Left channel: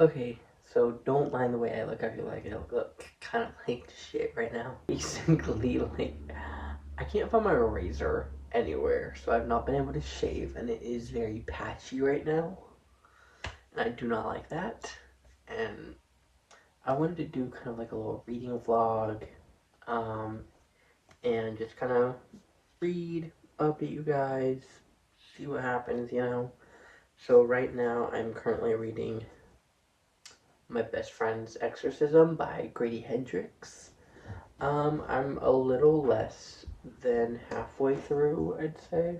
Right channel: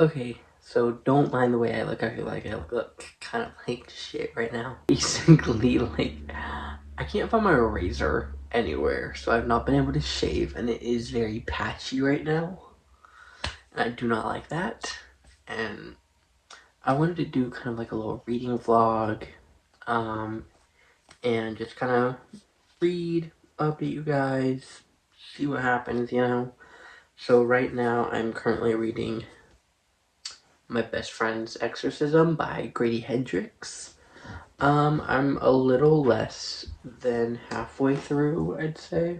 Okay, so don't mind the way I look. I feel like I look kind of like shit right now. Basically, like, I can't find my razor anywhere, so I've not been able to shave, and it is very patchy right now. And I do not like that. And I wanted to do kind of like a little reading vlog, and just kind of read, update you guys, see what happens, you know? So right now, I'm currently reading My Best Friend's Exorcism by Grady Hendrix. I'm a little less than halfway through, I'd say.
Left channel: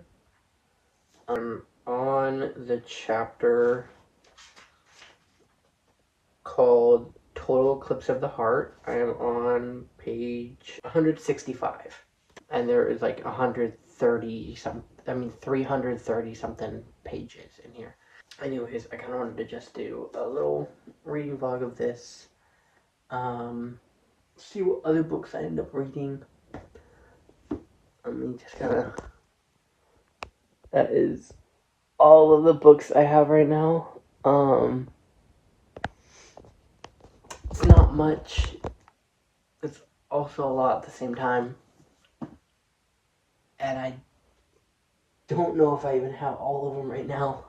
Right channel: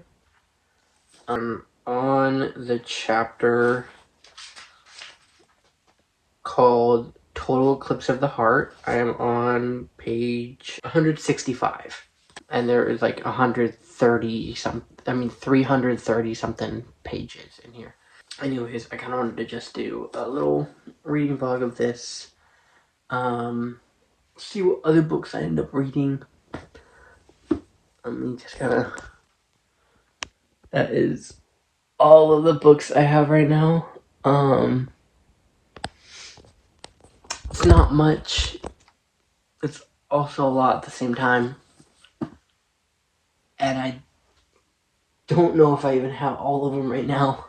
I'm on the chapter called Total Eclipse of the Heart. I am on page 165. And there is like 330 something pages in here. Anyways, I kind of wanted to just do a little reading vlog of this. See what other books I end up reading. Let me just kind of... That is all of the books I have right now. It's not much. It's also a lot at the same time. And I don't know if I even have all of them right now.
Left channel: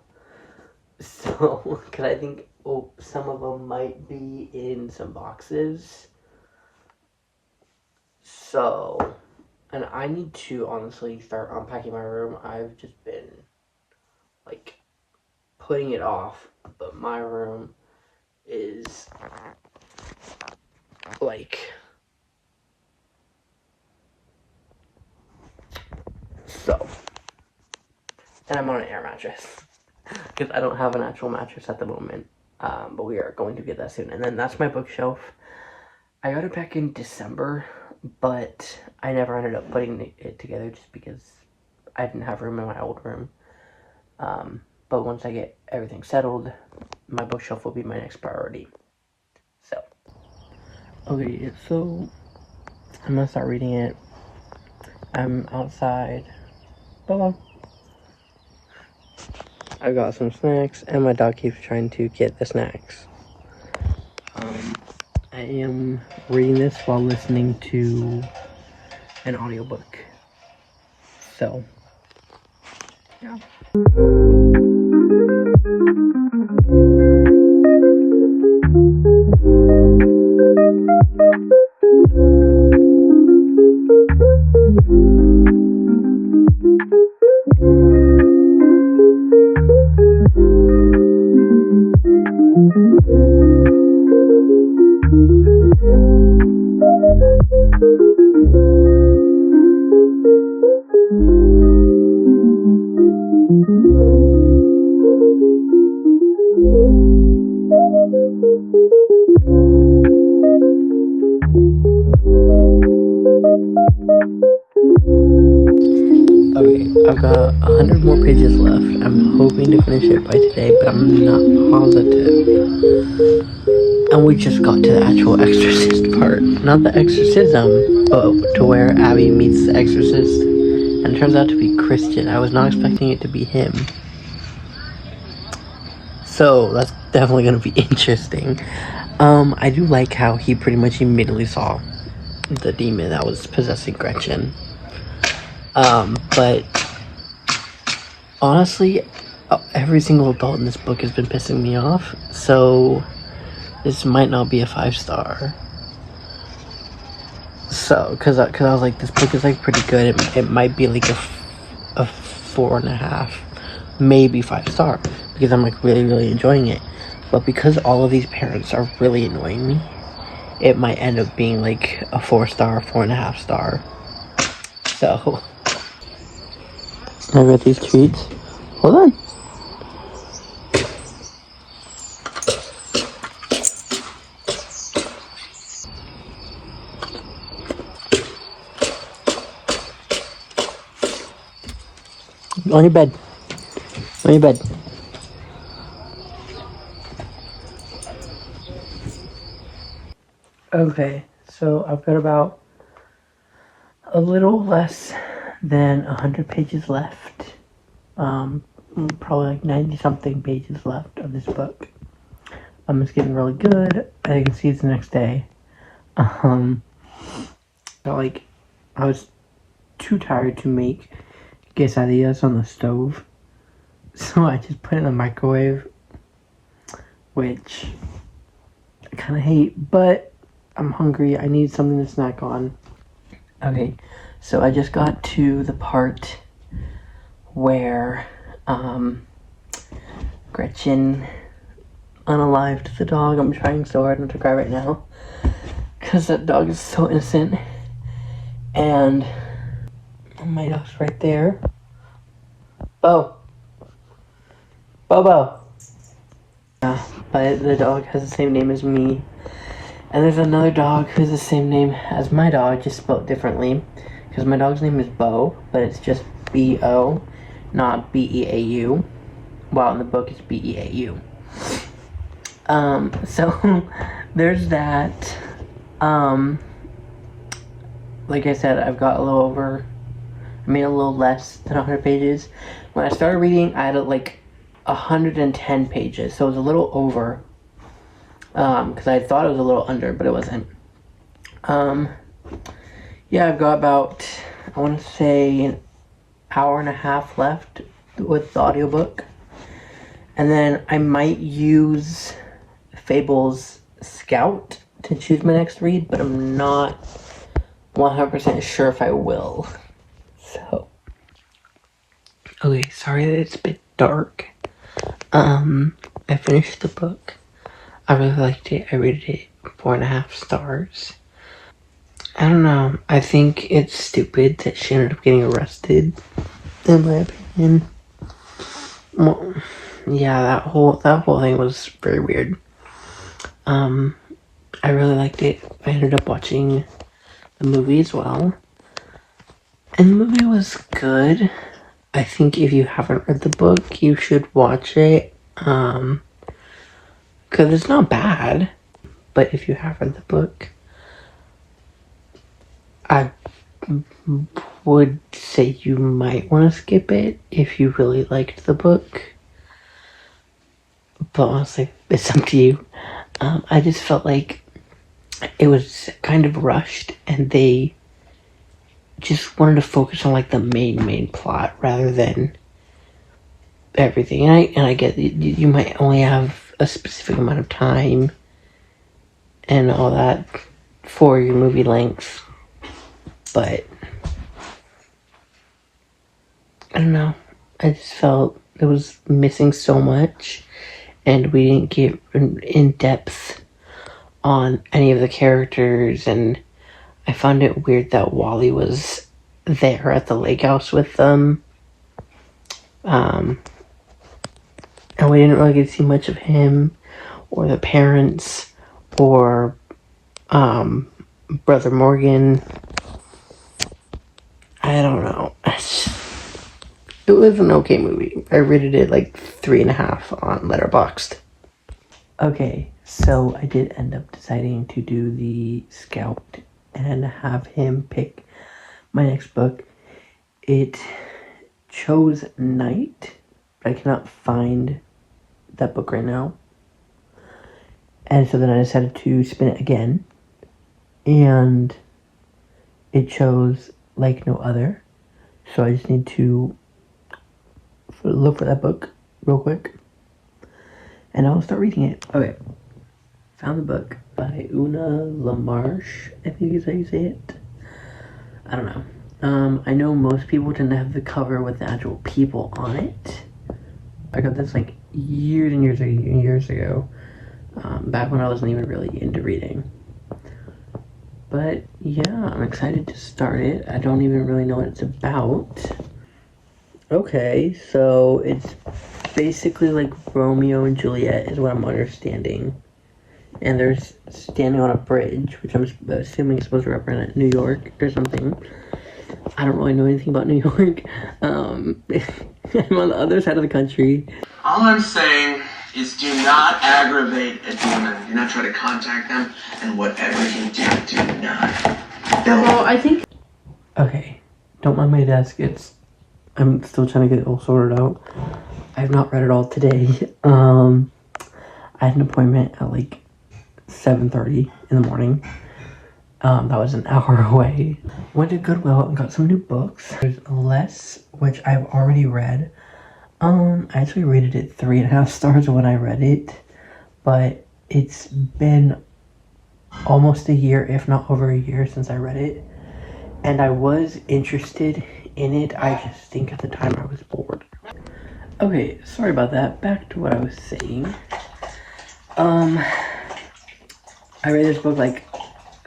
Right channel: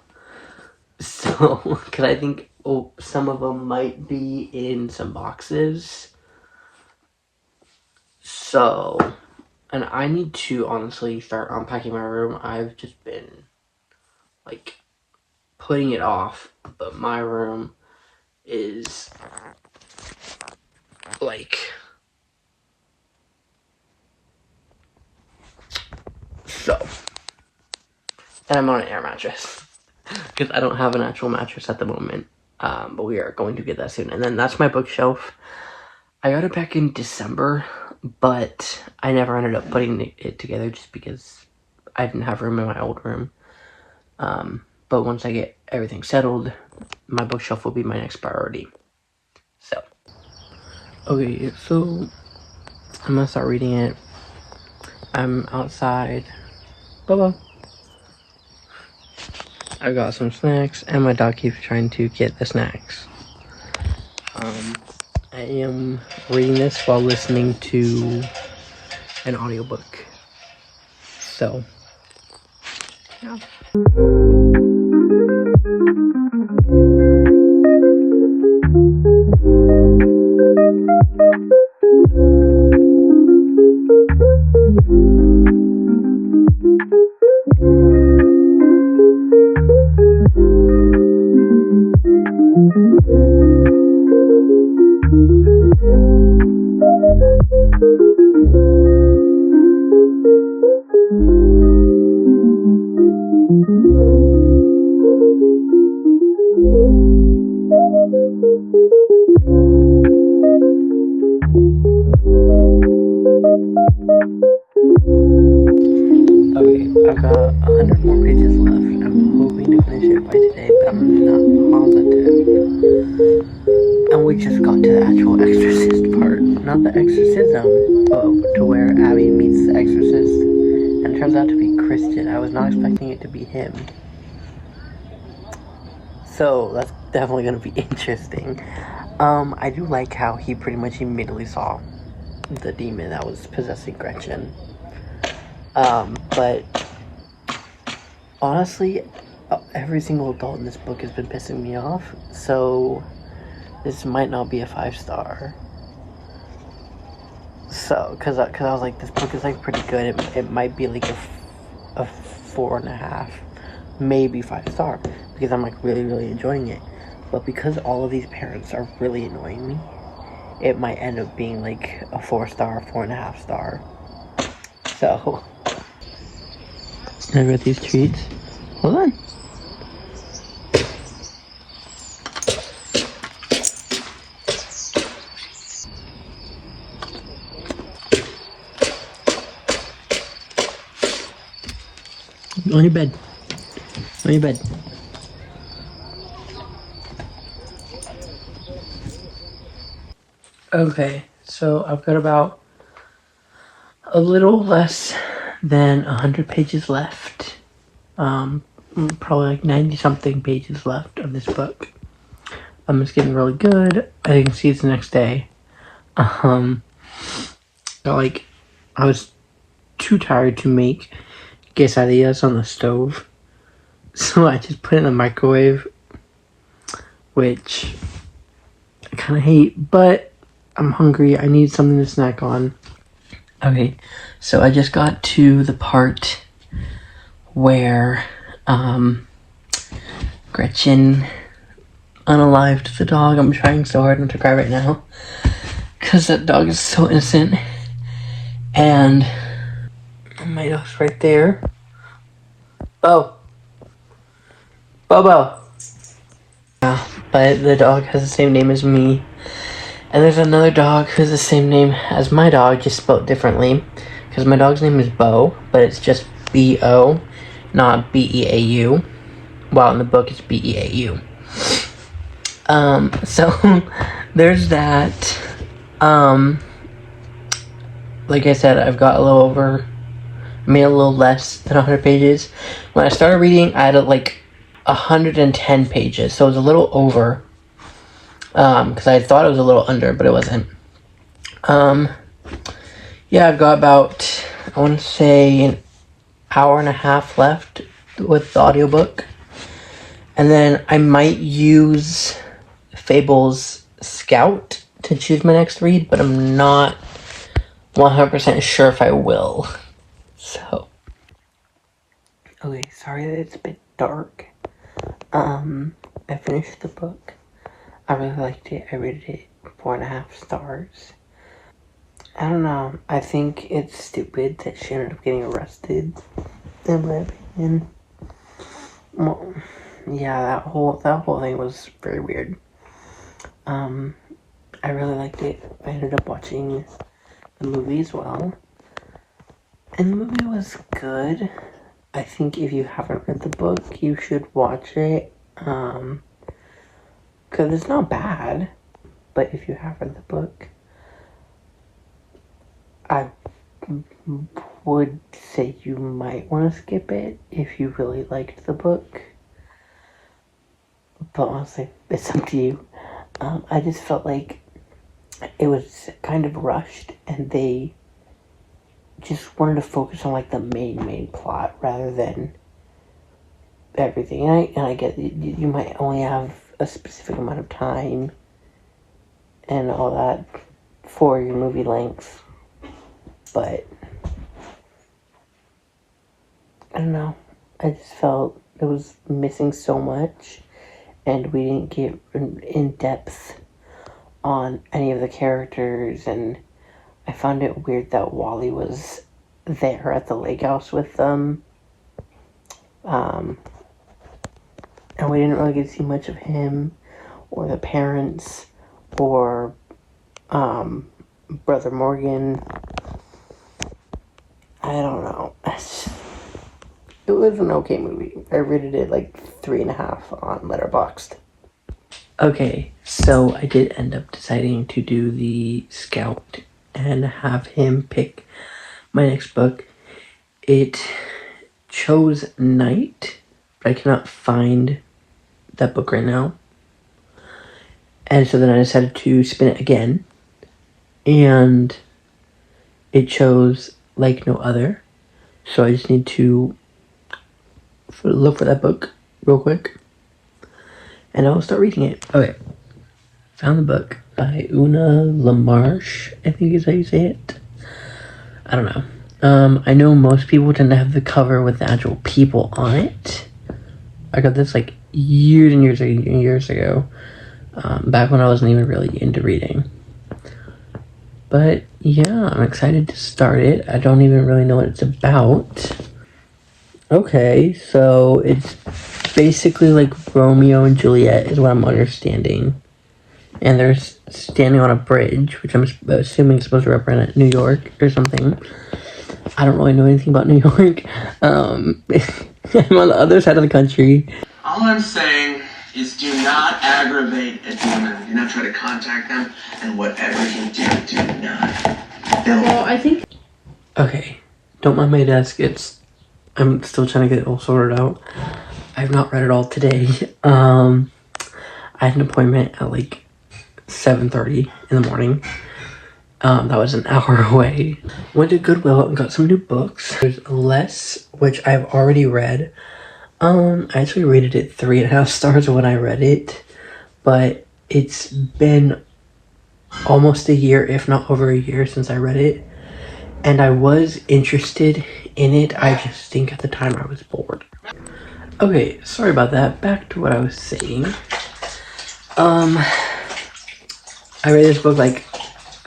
So, because I think some of them might be in some boxes. So, and I need to honestly start unpacking my room. I've just been, like, putting it off. But my room is, like... So, and I'm on an air mattress. Because I don't have an actual mattress at the moment. But we are going to get that soon. And then that's my bookshelf. I got it back in December, but I never ended up putting it together just because I didn't have room in my old room. But once I get everything settled, my bookshelf will be my next priority. So. Okay, so I'm gonna start reading it. I'm outside. Bye-bye. I got some snacks, and my dog keeps trying to get the snacks. I am reading this while listening to an audiobook. So, yeah. Okay, I've got 100 more pages left. I'm hoping to finish it by today, but I'm not positive. And we just got to the actual exorcist part. Not the exorcism, but to where Abby meets the exorcist. And it turns out to be Christian. I was not expecting it to be him. So, that's definitely going to be interesting. I do like how he pretty much immediately saw the demon that was possessing Gretchen. But honestly, every single adult in this book has been pissing me off, so this might not be a 5-star. So, because I was like, this book is like pretty good. It might be like a 4.5, maybe 5-star, because I'm like really enjoying it. But because all of these parents are really annoying me, it might end up being like a 4-star, 4.5-star. So, I got these treats. Hold on. On your bed. On your bed. Okay, so I've got about a little less than 100 pages left. Probably like 90 something pages left of this book. It's getting really good. I can see it's the next day. But like, I was too tired to make quesadillas on the stove, so I just put it in the microwave, which I kind of hate, but I'm hungry. I need something to snack on. Okay, so I just got to the part where Gretchen unalived the dog. I'm trying so hard not to cry right now because that dog is so innocent. And my dog's right there. Bobo. Yeah, but the dog has the same name as me. And there's another dog who's the same name as my dog, just spelled differently. Because my dog's name is Bo, but it's just B-O, not B-E-A-U. While in the book it's B-E-A-U. So there's that. Like I said, I've got made a little less than 100 pages. When I started reading, I had like 110 pages, so it was a little over. Because I thought it was a little under, but it wasn't. Yeah, I've got about, I want to say, an hour and a half left with the audiobook. And then I might use Fable's Scout to choose my next read, but I'm not 100% sure if I will. So, okay, sorry that it's a bit dark. I finished the book. I really liked it. I rated it 4.5 stars. I don't know. I think it's stupid that she ended up getting arrested, in my opinion. Well, yeah, that whole thing was very weird. I really liked it. I ended up watching the movie as well. And the movie was good. I think if you haven't read the book, you should watch it. Because it's not bad. But if you have read the book, I would say you might want to skip it if you really liked the book. But honestly, it's up to you. I just felt like it was kind of rushed and they just wanted to focus on like the main plot rather than everything. And I get you might only have a specific amount of time and all that for your movie length, but I don't know. I just felt it was missing so much, and we didn't get in depth on any of the characters, and I found it weird that Wally was there at the lake house with them. And we didn't really get to see much of him, or the parents, or Brother Morgan. I don't know. It was an okay movie. I rated it like 3.5 on Letterboxd. Okay, so I did end up deciding to do the Scout and have him pick my next book. It chose Night, but I cannot find that book right now. And so then I decided to spin it again. And it chose Like No Other. So I just need to look for that book real quick. And I'll start reading it. Okay. Found the book by LaMarche, I think is how you say it. I don't know. I know most people tend to have the cover with the actual people on it. I got this like years and years ago. Back when I wasn't even really into reading. But yeah, I'm excited to start it. I don't even really know what it's about. Okay, so it's basically like Romeo and Juliet is what I'm understanding. And they're standing on a bridge, which I'm assuming is supposed to represent New York or something. I don't really know anything about New York. I'm on the other side of the country. All I'm saying is do not aggravate a demon. Do not try to contact them. And whatever you do not. Well, I think... Okay, don't mind my desk. I'm still trying to get it all sorted out. I have not read it all today. I had an appointment at like 7:30 in the morning. That was an hour away. Went to Goodwill and got some new books. There's Less, which I've already read. I actually rated it 3.5 stars when I read it, but it's been almost a year, if not over a year, since I read it, and I was interested in it. I just think at the time I was bored. Okay, sorry about that. Back to what I was saying. I read this book like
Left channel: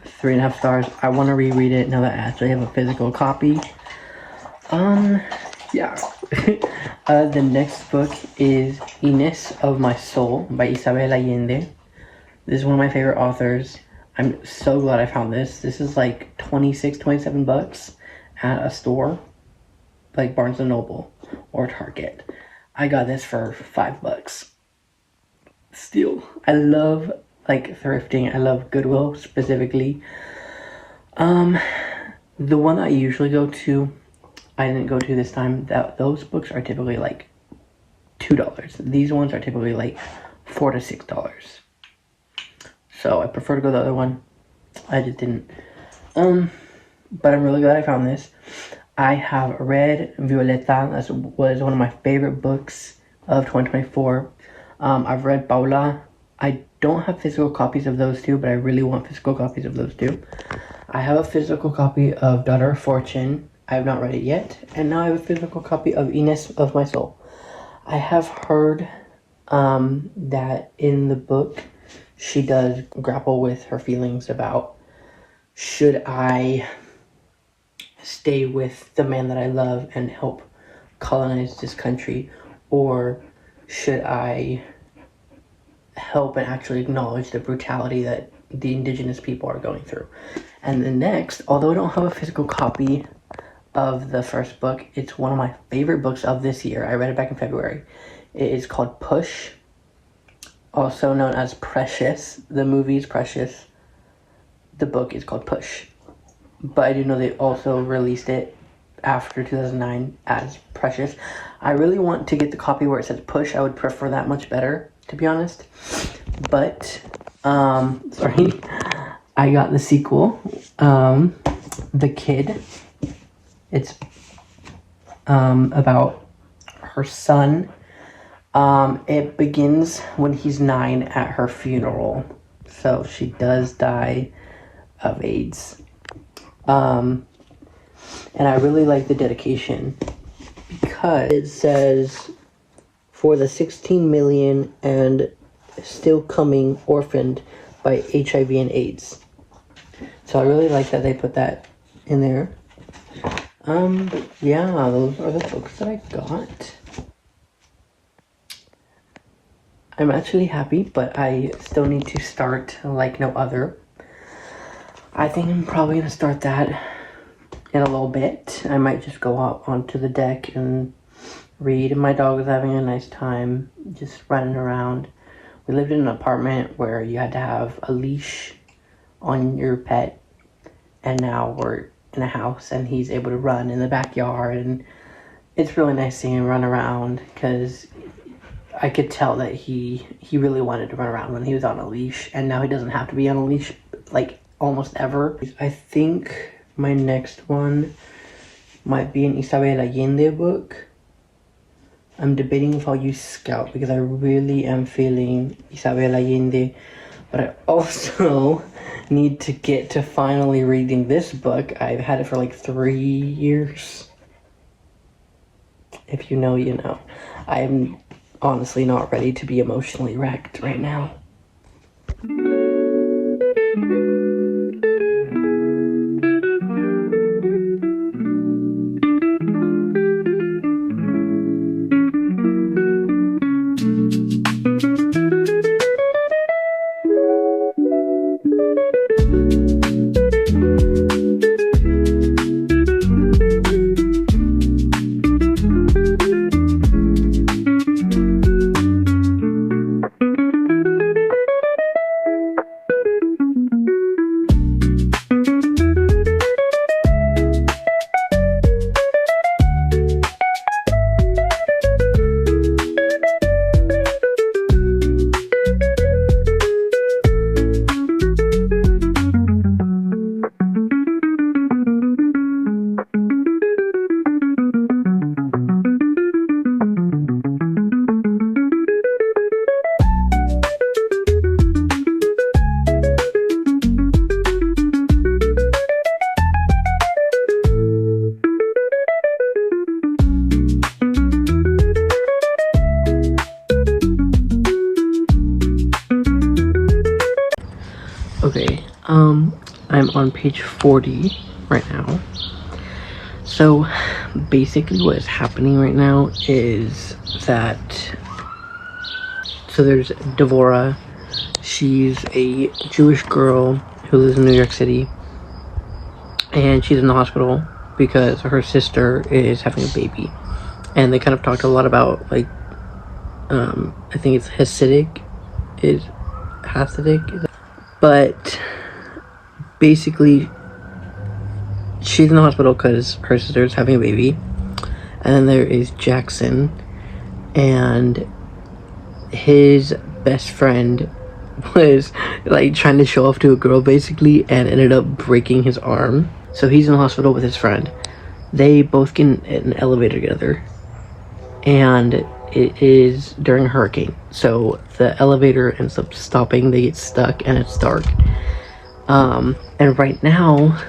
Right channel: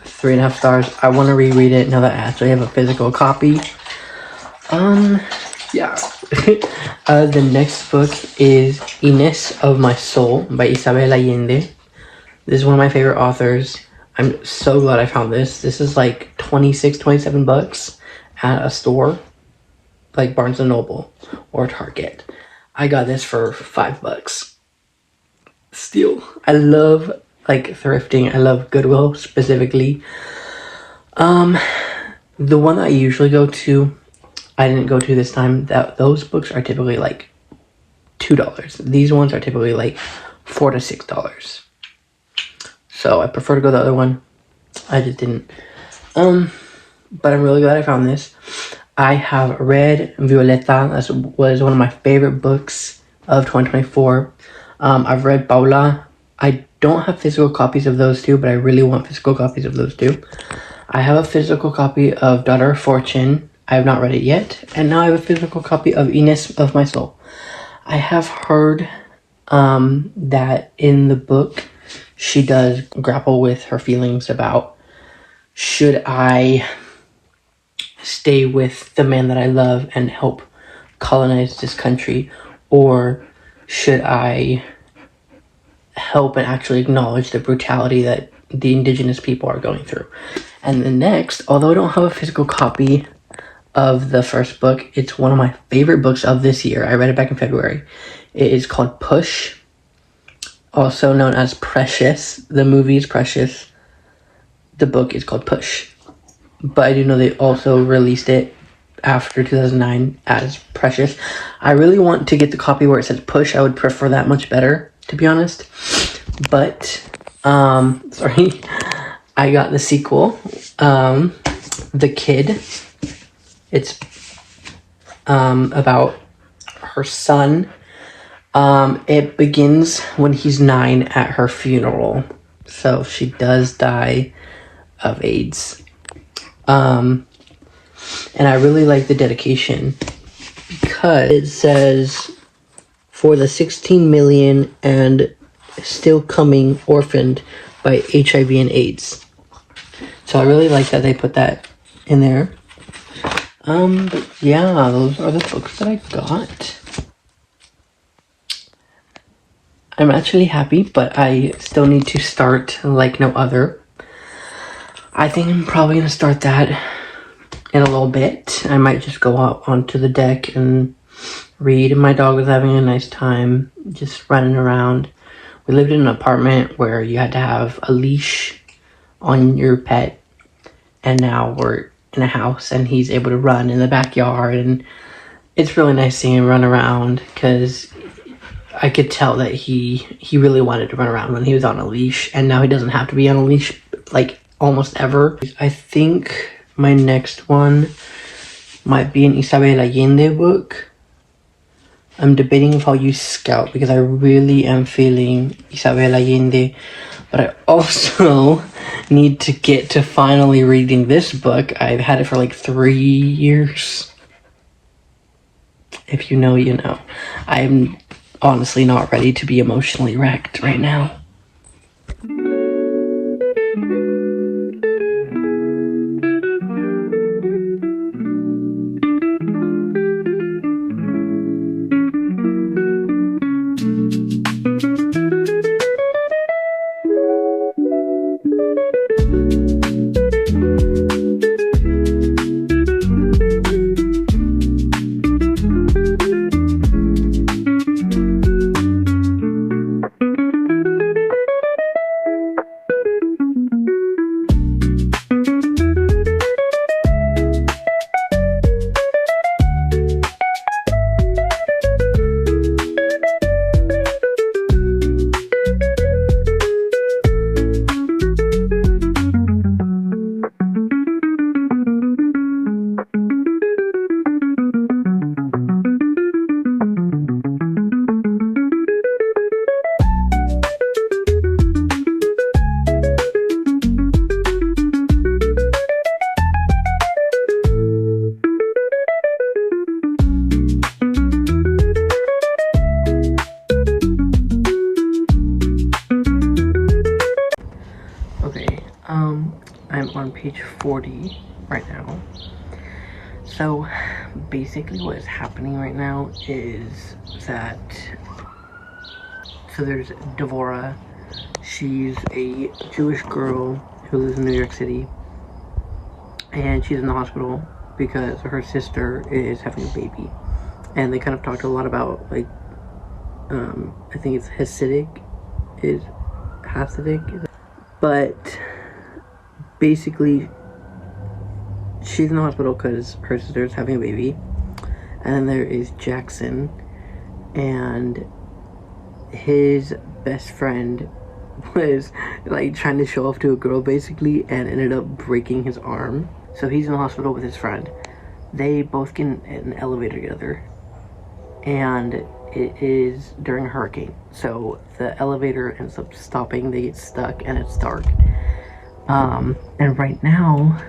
3.5 stars. I want to reread it now that I actually have a physical copy. Yeah. The next book is Inés of My Soul by Isabel Allende. This is one of my favorite authors. I'm so glad I found this. This is like 27 bucks at a store like Barnes & Noble or Target. I got this for $5. Steal. I love like thrifting. I love Goodwill specifically. The one that I usually go to, I didn't go to this time. Those books are typically like $2. These ones are typically like $4 to $6. So I prefer to go the other one. I just didn't. But I'm really glad I found this. I have read Violeta. That was one of my favorite books of 2024. I've read Paula. I don't have physical copies of those two, but I really want physical copies of those two. I have a physical copy of Daughter of Fortune. I have not read it yet. And now I have a physical copy of Inés of My Soul. I have heard that in the book, she does grapple with her feelings about, should I stay with the man that I love and help colonize this country, or should I help and actually acknowledge the brutality that the indigenous people are going through? And the next, although I don't have a physical copy of the first book, it's one of my favorite books of this year. I read it back in February. It is called Push, also known as Precious. The movie is Precious. The book is called Push. But I do know they also released it after 2009 as Precious. I really want to get the copy where it says Push. I would prefer that much better, to be honest. But, sorry. I got the sequel, The Kid. It's about her son. It begins when he's 9 at her funeral. So she does die of AIDS. And I really like the dedication because it says, for the 16 million and still coming orphaned by HIV and AIDS. So I really like that they put that in there. But yeah, those are the books that I got. I'm actually happy, but I still need to start Like No Other. I think I'm probably going to start that in a little bit. I might just go out onto the deck and read. My dog was having a nice time just running around. We lived in an apartment where you had to have a leash on your pet, and now we're in a house and he's able to run in the backyard, and it's really nice seeing him run around because I could tell that he really wanted to run around when he was on a leash, and now he doesn't have to be on a leash like almost ever. I think my next one might be an Isabel Allende book. I'm debating if I'll use Scout because I really am feeling Isabel Allende, but I also need to get to finally reading this book. I've had it for like 3 years. If you know, you know. I'm honestly not ready to be emotionally wrecked right now. Okay, I'm on page 40 right now. So basically what is happening right now is that, so there's Devora. She's a Jewish girl who lives in New York City, and she's in the hospital because her sister is having a baby. And they kind of talked a lot about, like, I think it's Hasidic, but basically she's in the hospital because her sister is having a baby. And then there is Jackson, and his best friend was like trying to show off to a girl basically and ended up breaking his arm. So he's in the hospital with his friend. They both get in an elevator together, and it is during a hurricane, so the elevator ends up stopping. They get stuck and it's dark. And right now,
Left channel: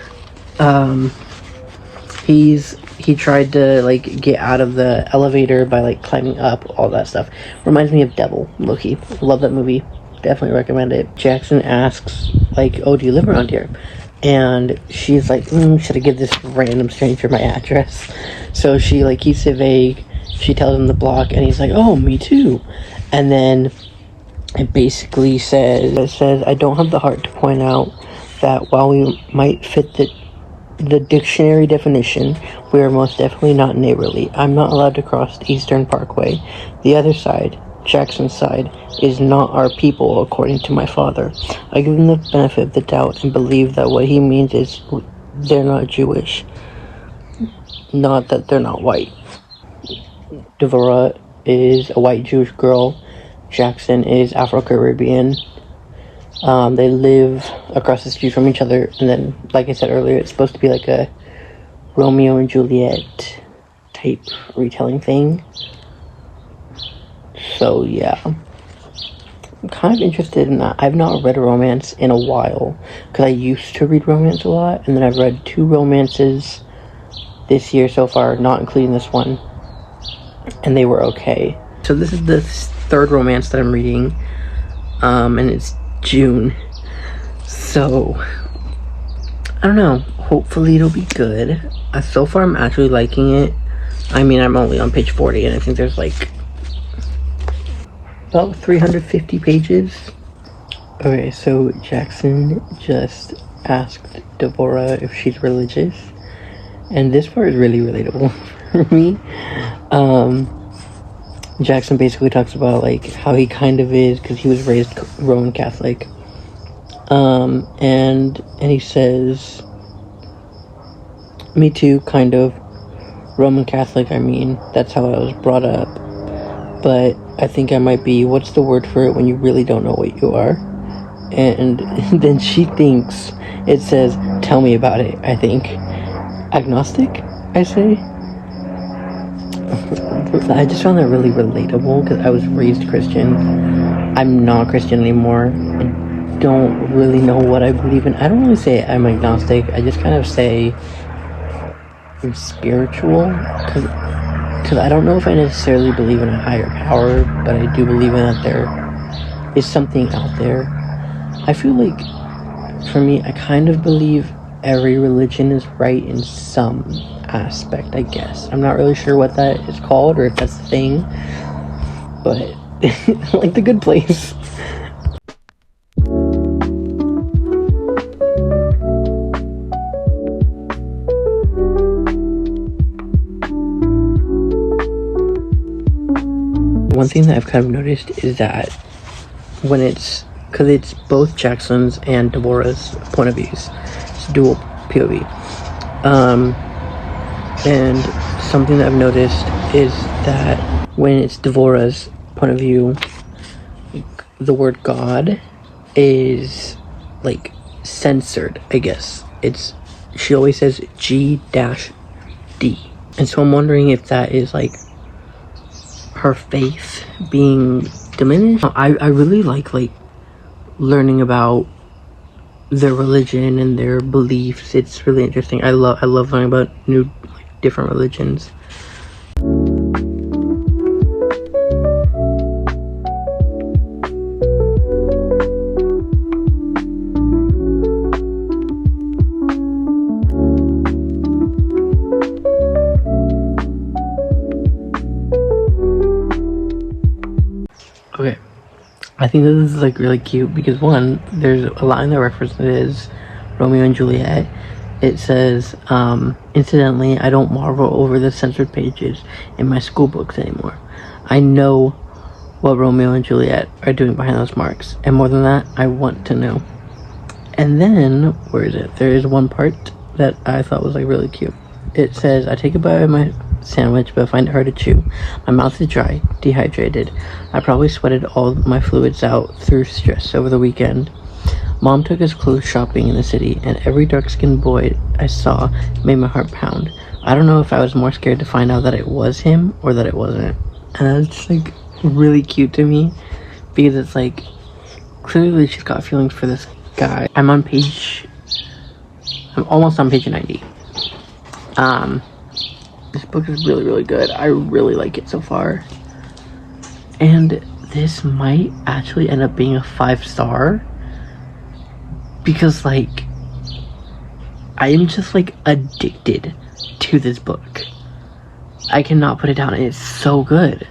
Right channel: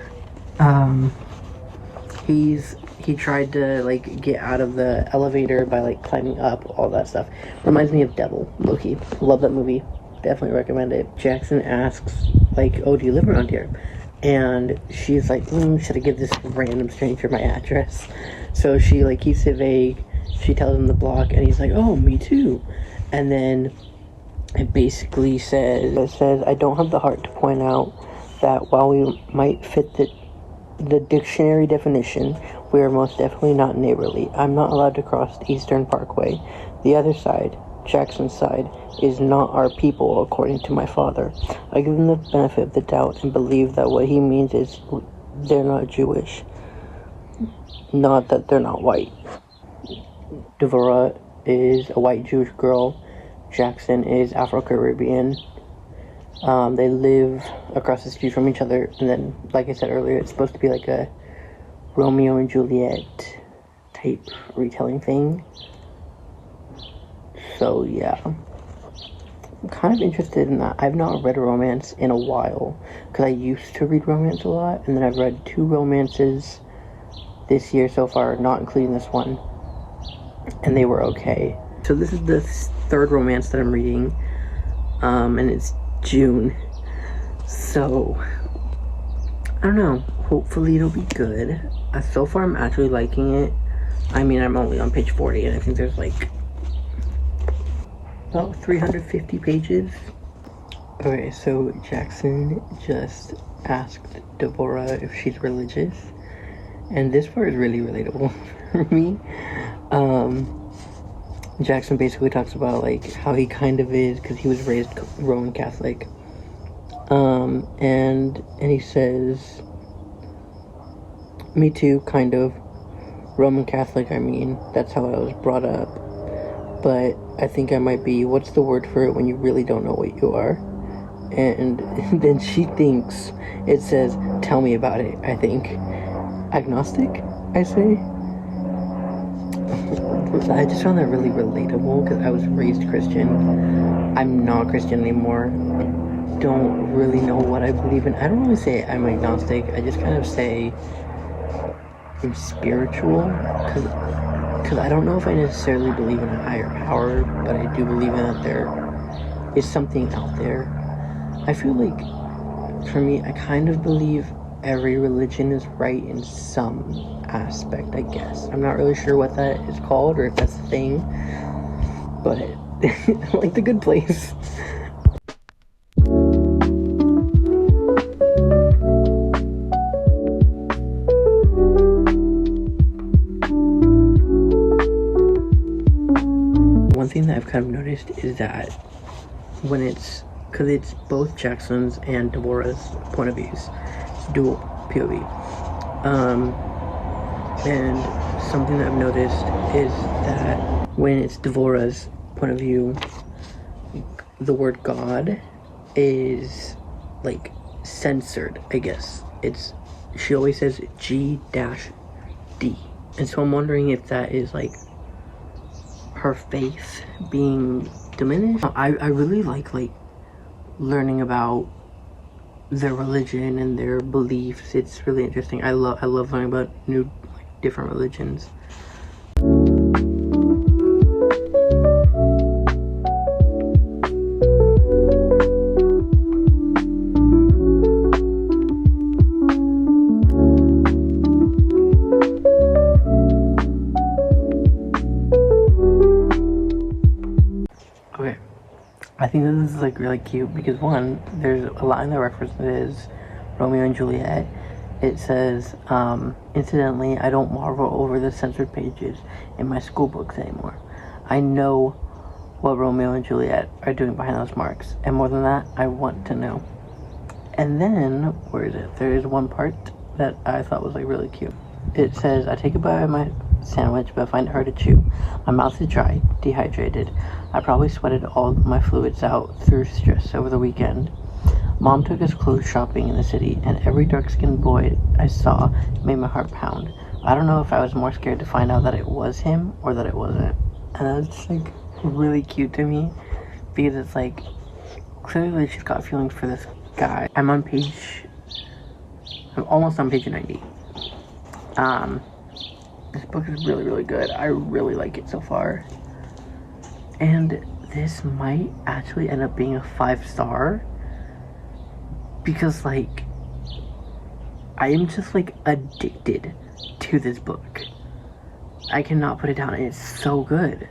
he tried to like get out of the elevator by like climbing up, all that stuff. Reminds me of Devil, low-key. Love that movie, definitely recommend it. Jackson asks like, oh, do you live around here? And she's like, should I give this random stranger my address? So she like keeps it vague. She tells him the block, and he's like, oh, me too. And then it basically says, I don't have the heart to point out that while we might fit the dictionary definition, we are most definitely not neighborly. I'm not allowed to cross the Eastern Parkway. The other side, Jackson's side, is not our people, according to my father. I give him the benefit of the doubt and believe that what he means is they're not Jewish, not that they're not white. Devora is a white Jewish girl. Jackson is Afro-Caribbean. They live across the street from each other, and then, like I said earlier, it's supposed to be like a Romeo and Juliet type retelling thing. So yeah, I'm kind of interested in that. I've not read a romance in a while, because I used to read romance a lot, and then I've read 2 romances this year so far, not including this one, and they were okay. So this is the 3rd romance that I'm reading, and it's June, so I don't know, hopefully it'll be good. So far I'm actually liking it. I mean, I'm only on page 40, and I think there's like about 350 pages. Okay, so Jackson just asked Devora if she's religious, and this part is really relatable for me. Jackson basically talks about like how he kind of is, because he was raised Roman Catholic, and he says, me too, kind of. Roman Catholic, I mean, that's how I was brought up, but I think I might be, what's the word for it when you really don't know what you are? And then she thinks it says, tell me about it. I think agnostic, I say. I just found that really relatable, because I was raised Christian. I'm not Christian anymore. I don't really know what I believe in. I don't really say I'm agnostic. I just kind of say I'm spiritual, because I don't know if I necessarily believe in a higher power, but I do believe in that there is something out there. I feel like, for me, I kind of believe every religion is right in some aspect, I guess. I'm not really sure what that is called, or if that's the thing, but like The Good Place. One thing that I've kind of noticed is that when it's, because it's both Jackson's and Devora's point of views, it's dual POV. And something that I've noticed is that when it's Devora's point of view, the word God is like censored, I guess. She always says G-D. And so I'm wondering if that is like her faith being diminished. I really like learning about their religion and their beliefs. It's really interesting. I love learning about new different religions. think this is like really cute because one, there's a line that references Romeo and Juliet. It says, incidentally, I don't marvel over the censored pages in my school books anymore. I know what Romeo and Juliet are doing behind those marks, and more than that, I want to know. And then, where is it? There is one part that I thought was like really cute. It says, I take a bite of my sandwich, but I find it hard to chew. My mouth is dry, dehydrated. I probably sweated all my fluids out through stress over the weekend. Mom took us clothes shopping in the city, and every dark-skinned boy I saw made my heart pound. I don't know if I was more scared to find out that it was him or that it wasn't. And that's just like really cute to me because it's like clearly she's got feelings for this guy. I'm almost on page 90. This book is really, really good. I really like it so far. And this might actually end up being a 5-star because like I am just like addicted to this book. I cannot put it down. It's so good.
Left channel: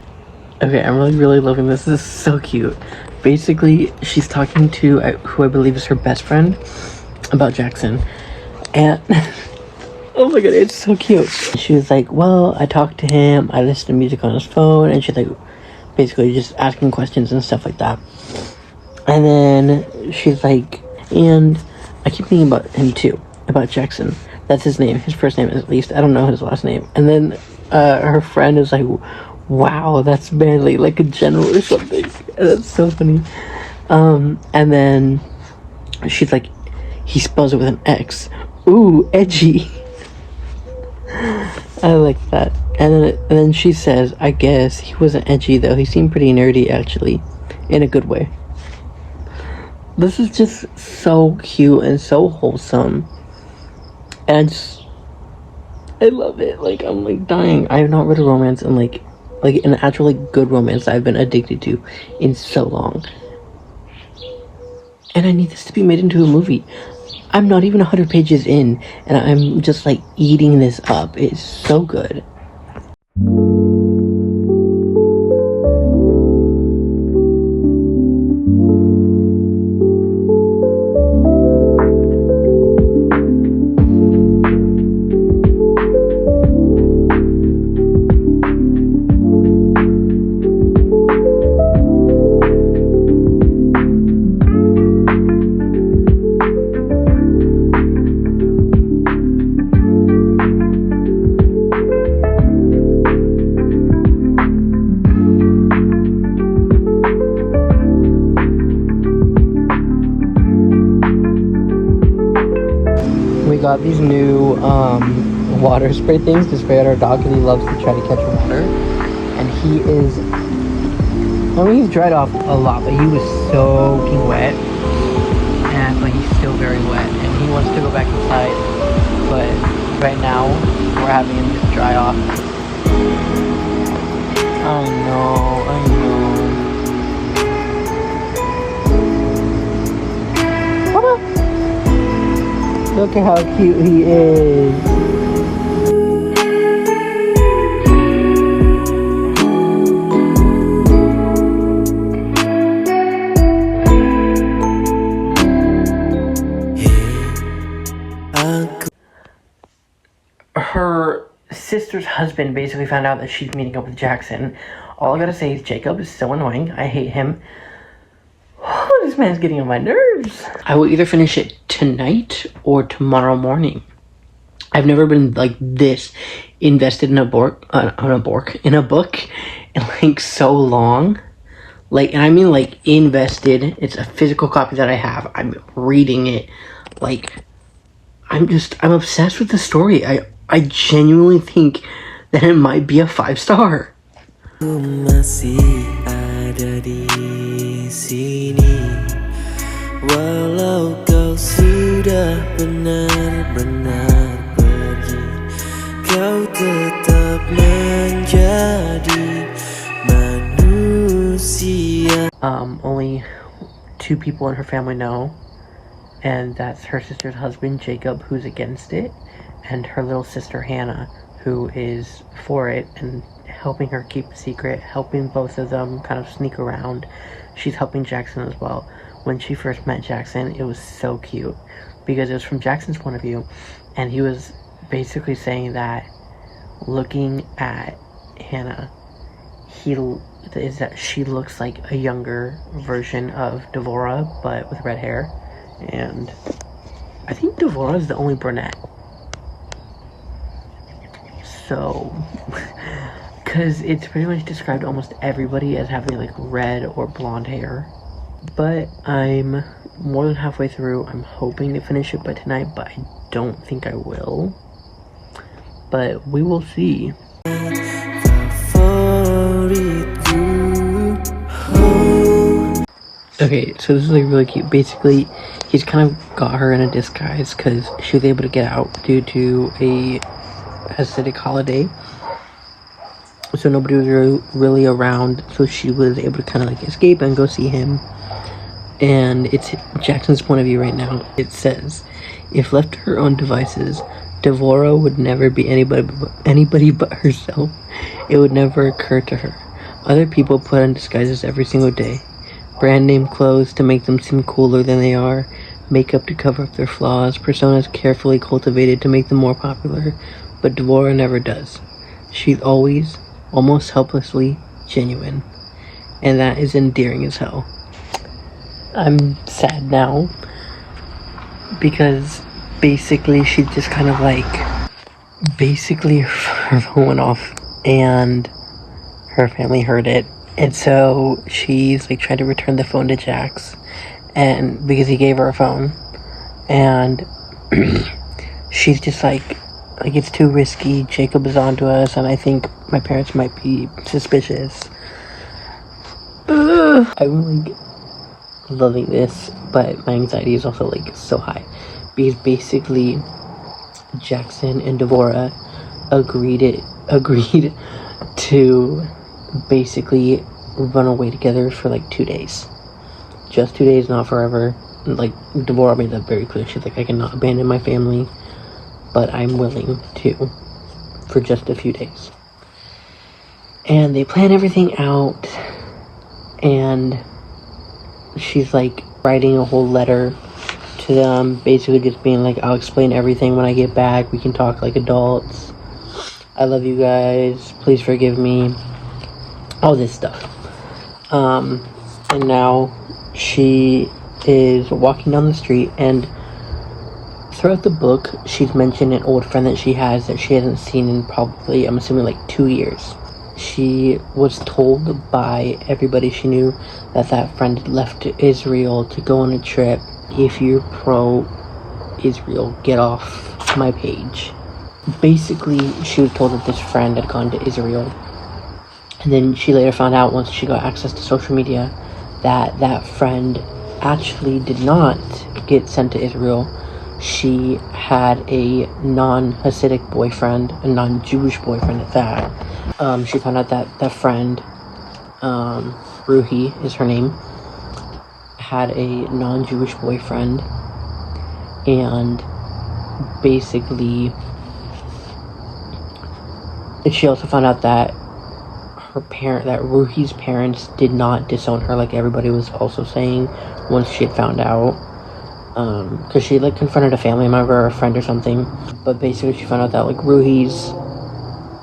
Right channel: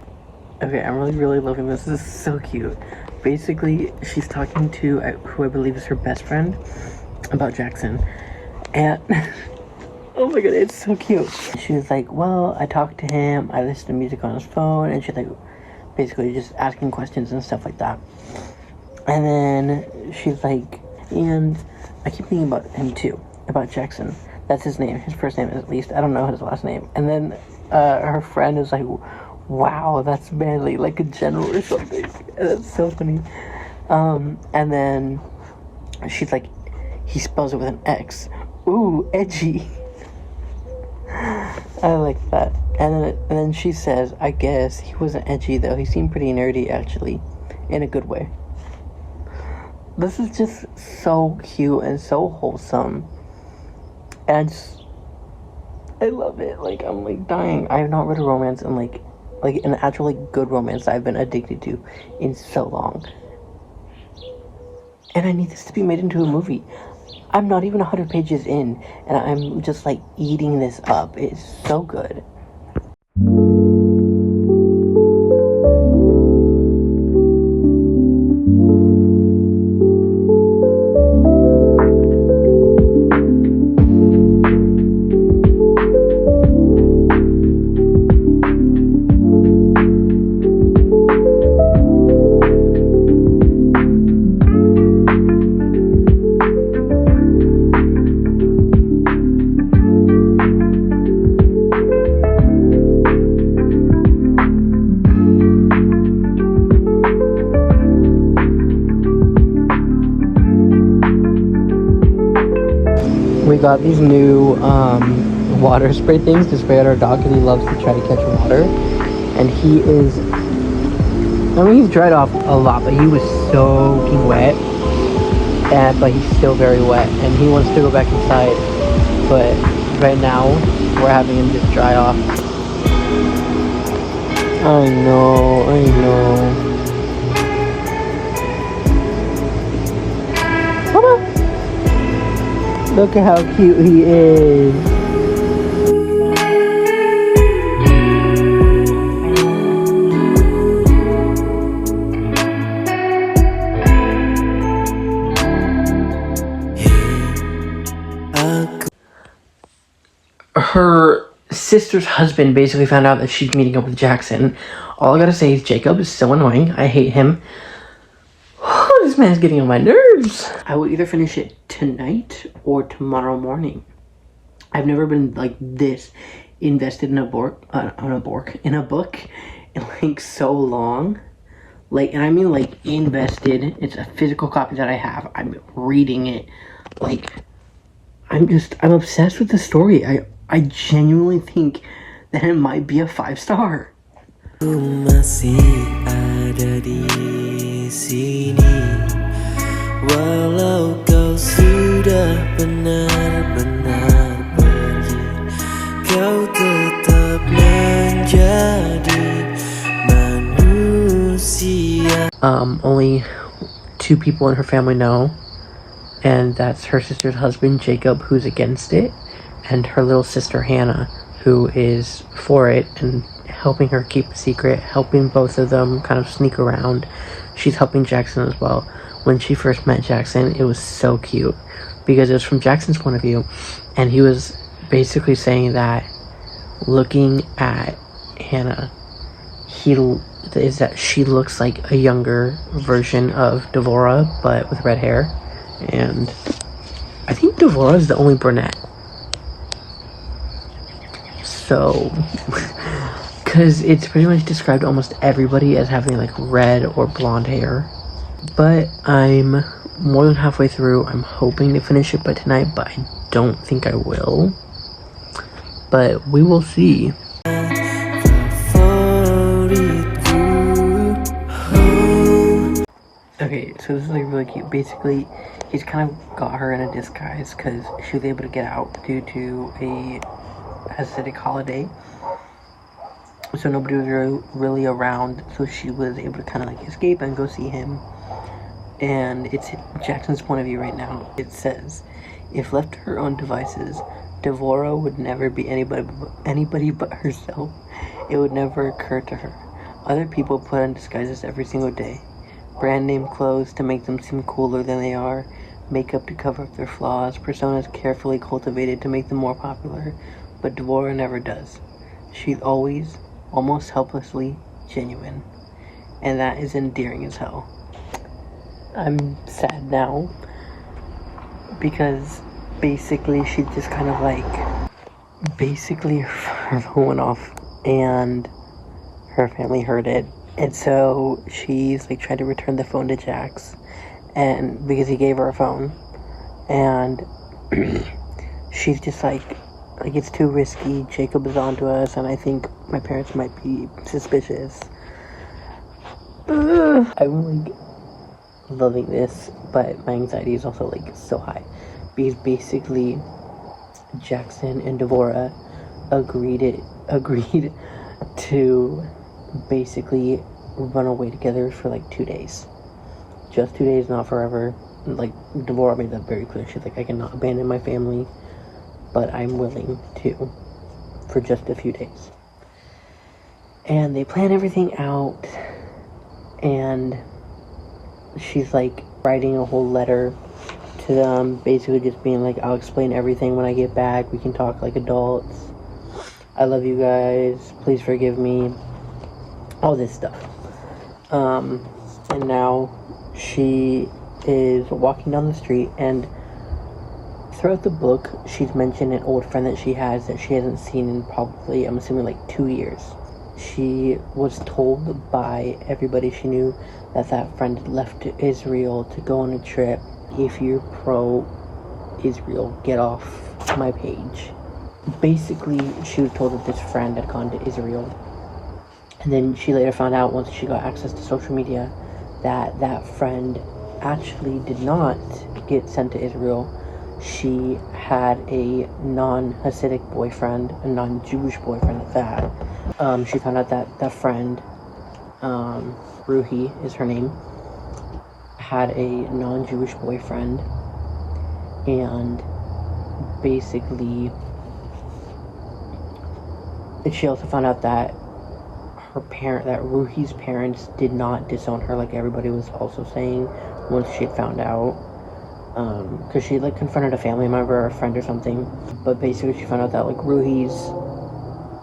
Okay, I'm really, really loving this. This is so cute. Basically, she's talking to who I believe is her best friend about Jackson. And, oh my god, it's so cute. She was like, well, I talked to him, I listened to music on his phone, and she's like, basically just asking questions and stuff like that. And then she's like, and I keep thinking about him too, about Jackson. That's his name, his first name at least. I don't know his last name. And then her friend is like, wow, that's barely like a general or something. And that's so funny. And then she's like, he spells it with an X. Ooh, edgy. I like that. And then she says, I guess he wasn't edgy though. He seemed pretty nerdy actually, in a good way. This is just so cute and so wholesome. And I love it. Like, I'm like dying. I have not read a romance in like an actually good romance that I've been addicted to in so long. And I need this to be made into a movie. I'm not even 100 pages in, and I'm just like eating this up. It's so good. Got these new water spray things to spray at our dog because he loves to try to catch water. And he is, I mean, he's dried off a lot, but he was soaking wet. But he's still very wet, and he wants to go back inside. But right now, we're having him just dry off. I know. Look at how cute he is. Her sister's husband basically found out that she's meeting up with Jackson. All I gotta say is Jacob is so annoying. I hate him. This man's getting on my nerves. I will either finish it tonight or tomorrow morning. I've never been like this invested in a book in like so long. Like, and I mean like invested. It's a physical copy that I have. I'm reading it. Like, I'm obsessed with the story. I genuinely think that it might be a 5-star. Masih ada di sini, walau kau sudah benar-benar pergi, kau tetap menjadi manusia. Only 2 people in her family know, and that's her sister's husband Jacob, who's against it, and her little sister Hannah, who is for it and helping her keep a secret, helping both of them kind of sneak around. she's helping Jackson as well. When she first met Jackson, it was so cute because it was from Jackson's point of view, and he was basically saying that looking at Hannah, she looks like a younger version of Devora, but with red hair. And I think Devora is the only brunette. So, because it's pretty much described almost everybody as having like red or blonde hair. But I'm more than halfway through. I'm hoping to finish it by tonight, but I don't think I will. But we will see. Okay, so this is like really cute. Basically, he's kind of got her in a disguise because she was able to get out due to a Hasidic holiday. So nobody was really around, so she was able to kind of like escape and go see him. And it's Jackson's point of view right now. It says, if left to her own devices, Devora would never be anybody but herself. It would never occur to her. Other people put on disguises every single day. Brand name clothes to make them seem cooler than they are. Makeup to cover up their flaws. Personas carefully cultivated to make them more popular. But Devora never does. She's always, almost helplessly, genuine. And that is endearing as hell. I'm sad now. Because basically she just kind of like... Basically her phone went off. And her family heard it. And so she's like trying to return the phone to Jax, and because he gave her a phone, and she's just like it's too risky. Jacob is onto us, and I think my parents might be suspicious. I'm like loving this, but my anxiety is also like so high because basically Jackson and Devora agreed to basically run away together for like 2 days. Just 2 days, not forever. Like Devora made that very clear. She's like, I cannot abandon my family, but I'm willing to for just a few days. And they plan everything out, and she's like writing a whole letter to them, basically just being like, I'll explain everything when I get back. We can talk like adults. I love you guys. Please forgive me. All this stuff. And now she is walking down the street, and throughout the book she's mentioned an old friend that she has that she hasn't seen in probably, I'm assuming, like 2 years. She was told by everybody she knew that friend left to Israel to go on a trip. If you're pro-Israel, get off my page. Basically, she was told that this friend had gone to Israel. And then she later found out, once she got access to social media, that friend actually did not get sent to Israel. She had a non-Hasidic boyfriend, a non-Jewish boyfriend at that. She found out that friend, Ruhi is her name, had a non-Jewish boyfriend, and basically she also found out that that Ruhi's parents did not disown her like everybody was also saying once she had found out. Because she like confronted a family member or a friend or something. But basically she found out that like Ruhi's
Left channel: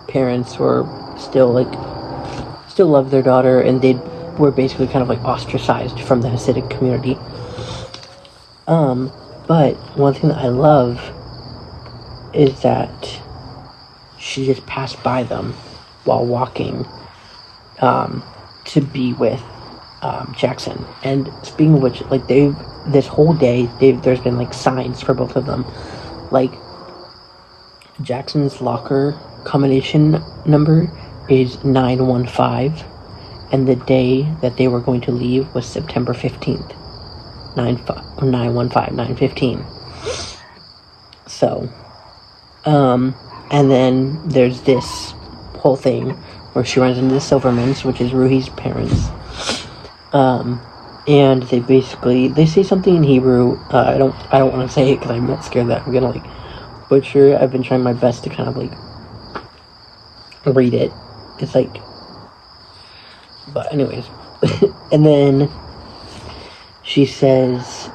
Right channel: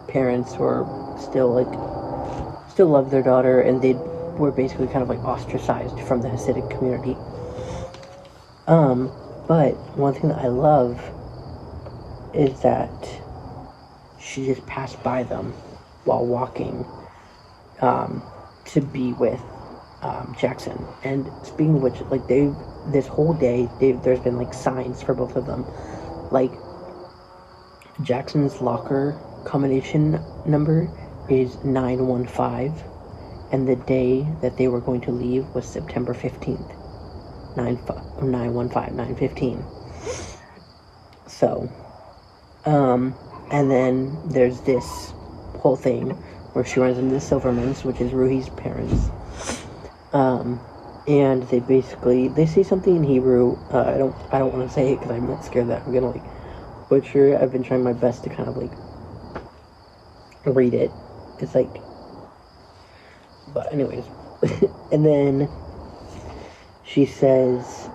parents were still loved their daughter, and they were basically kind of like ostracized from the Hasidic community. But one thing that I love is that she just passed by them while walking to be with Jackson. And speaking of which, like this whole day there's been like signs for both of them. Like Jackson's locker combination number is 915, and the day that they were going to leave was September 15th. 915. So and then there's this whole thing where she runs into the Silvermans, which is Ruhi's parents. And they say something in Hebrew. I don't want to say it because I'm not scared that I'm gonna like butcher it. I've been trying my best to kind of like read it. It's like, but anyways, and then she says,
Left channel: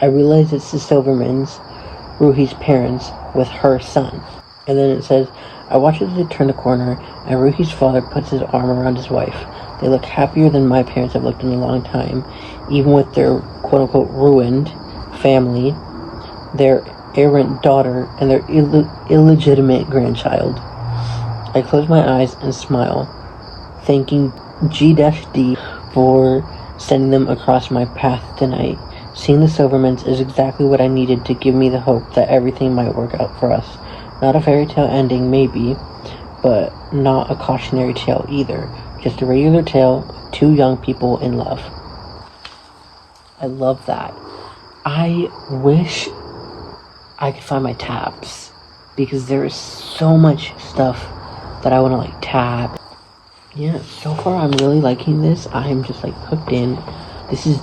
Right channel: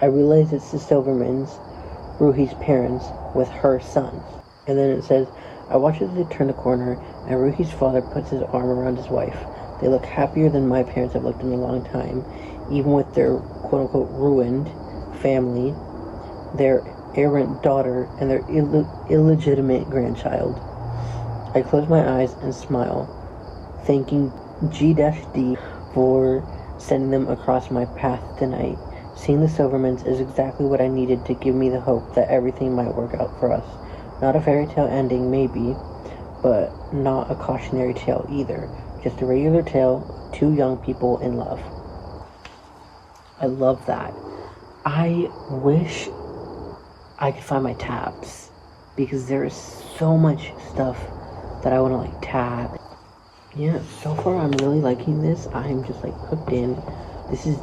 I realize it's the Silvermans, Ruhi's parents, with her son. And then it says, I watch as they turn the corner, and Ruhi's father puts his arm around his wife. They look happier than my parents have looked in a long time, even with their quote-unquote ruined family, their errant daughter, and their illegitimate grandchild. I close my eyes and smile, thanking G-D for sending them across my path tonight. Seeing the Silvermans is exactly what I needed to give me the hope that everything might work out for us. Not a fairy tale ending, maybe, but not a cautionary tale either. Just a regular tale of two young people in love. I love that. I wish I could find my tabs, because there is so much stuff that I want to, like, tab. Yeah, so far I'm really liking this. I'm just, like, hooked in. This is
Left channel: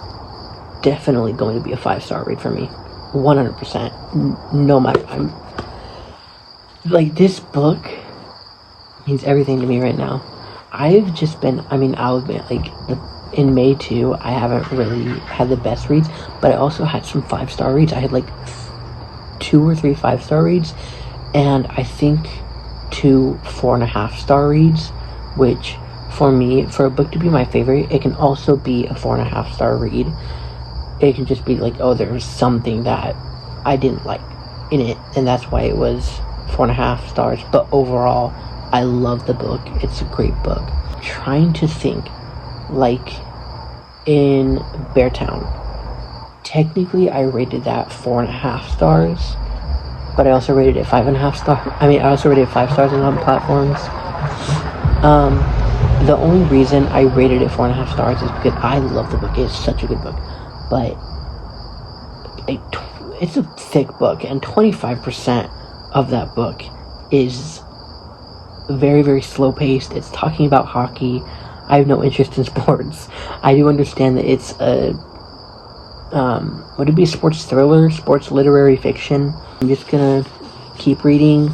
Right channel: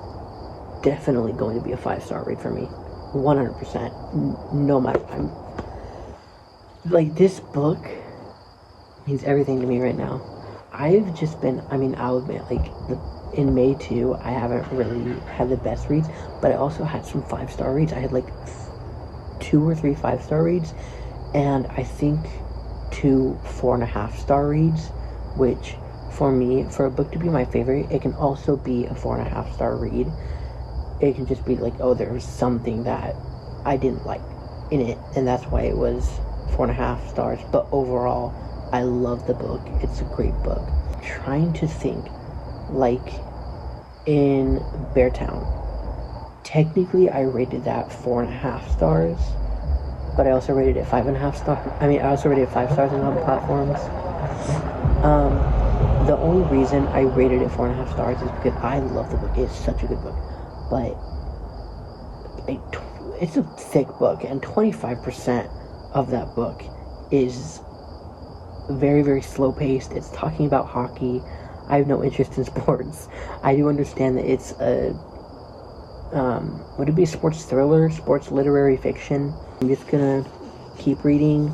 definitely going to be a 5-star read for me. 100%. No matter. I'm like, this book means everything to me right now. I've just been, I'll admit, like, in May too, I haven't really had the best reads, but I also had some 5-star reads. I had like 2 or 3 5-star reads, and I think 2 4.5-star reads, which for me, for a book to be my favorite, it can also be a 4.5-star read. It can just be like, oh, there was something that I didn't like in it, and that's why it was 4.5 stars. But overall, I love the book. It's a great book. I'm trying to think, like in Beartown, technically I rated that 4.5 stars, but I also rated it 5.5 stars. I also rated it 5 stars on platforms. The only reason I rated it 4.5 stars is because I love the book. It's such a good book, but it's a thick book, and 25% of that book is very, very slow paced. It's talking about hockey. I have no interest in sports. I do understand that it's a would it be sports thriller, sports literary fiction? I'm just gonna keep reading.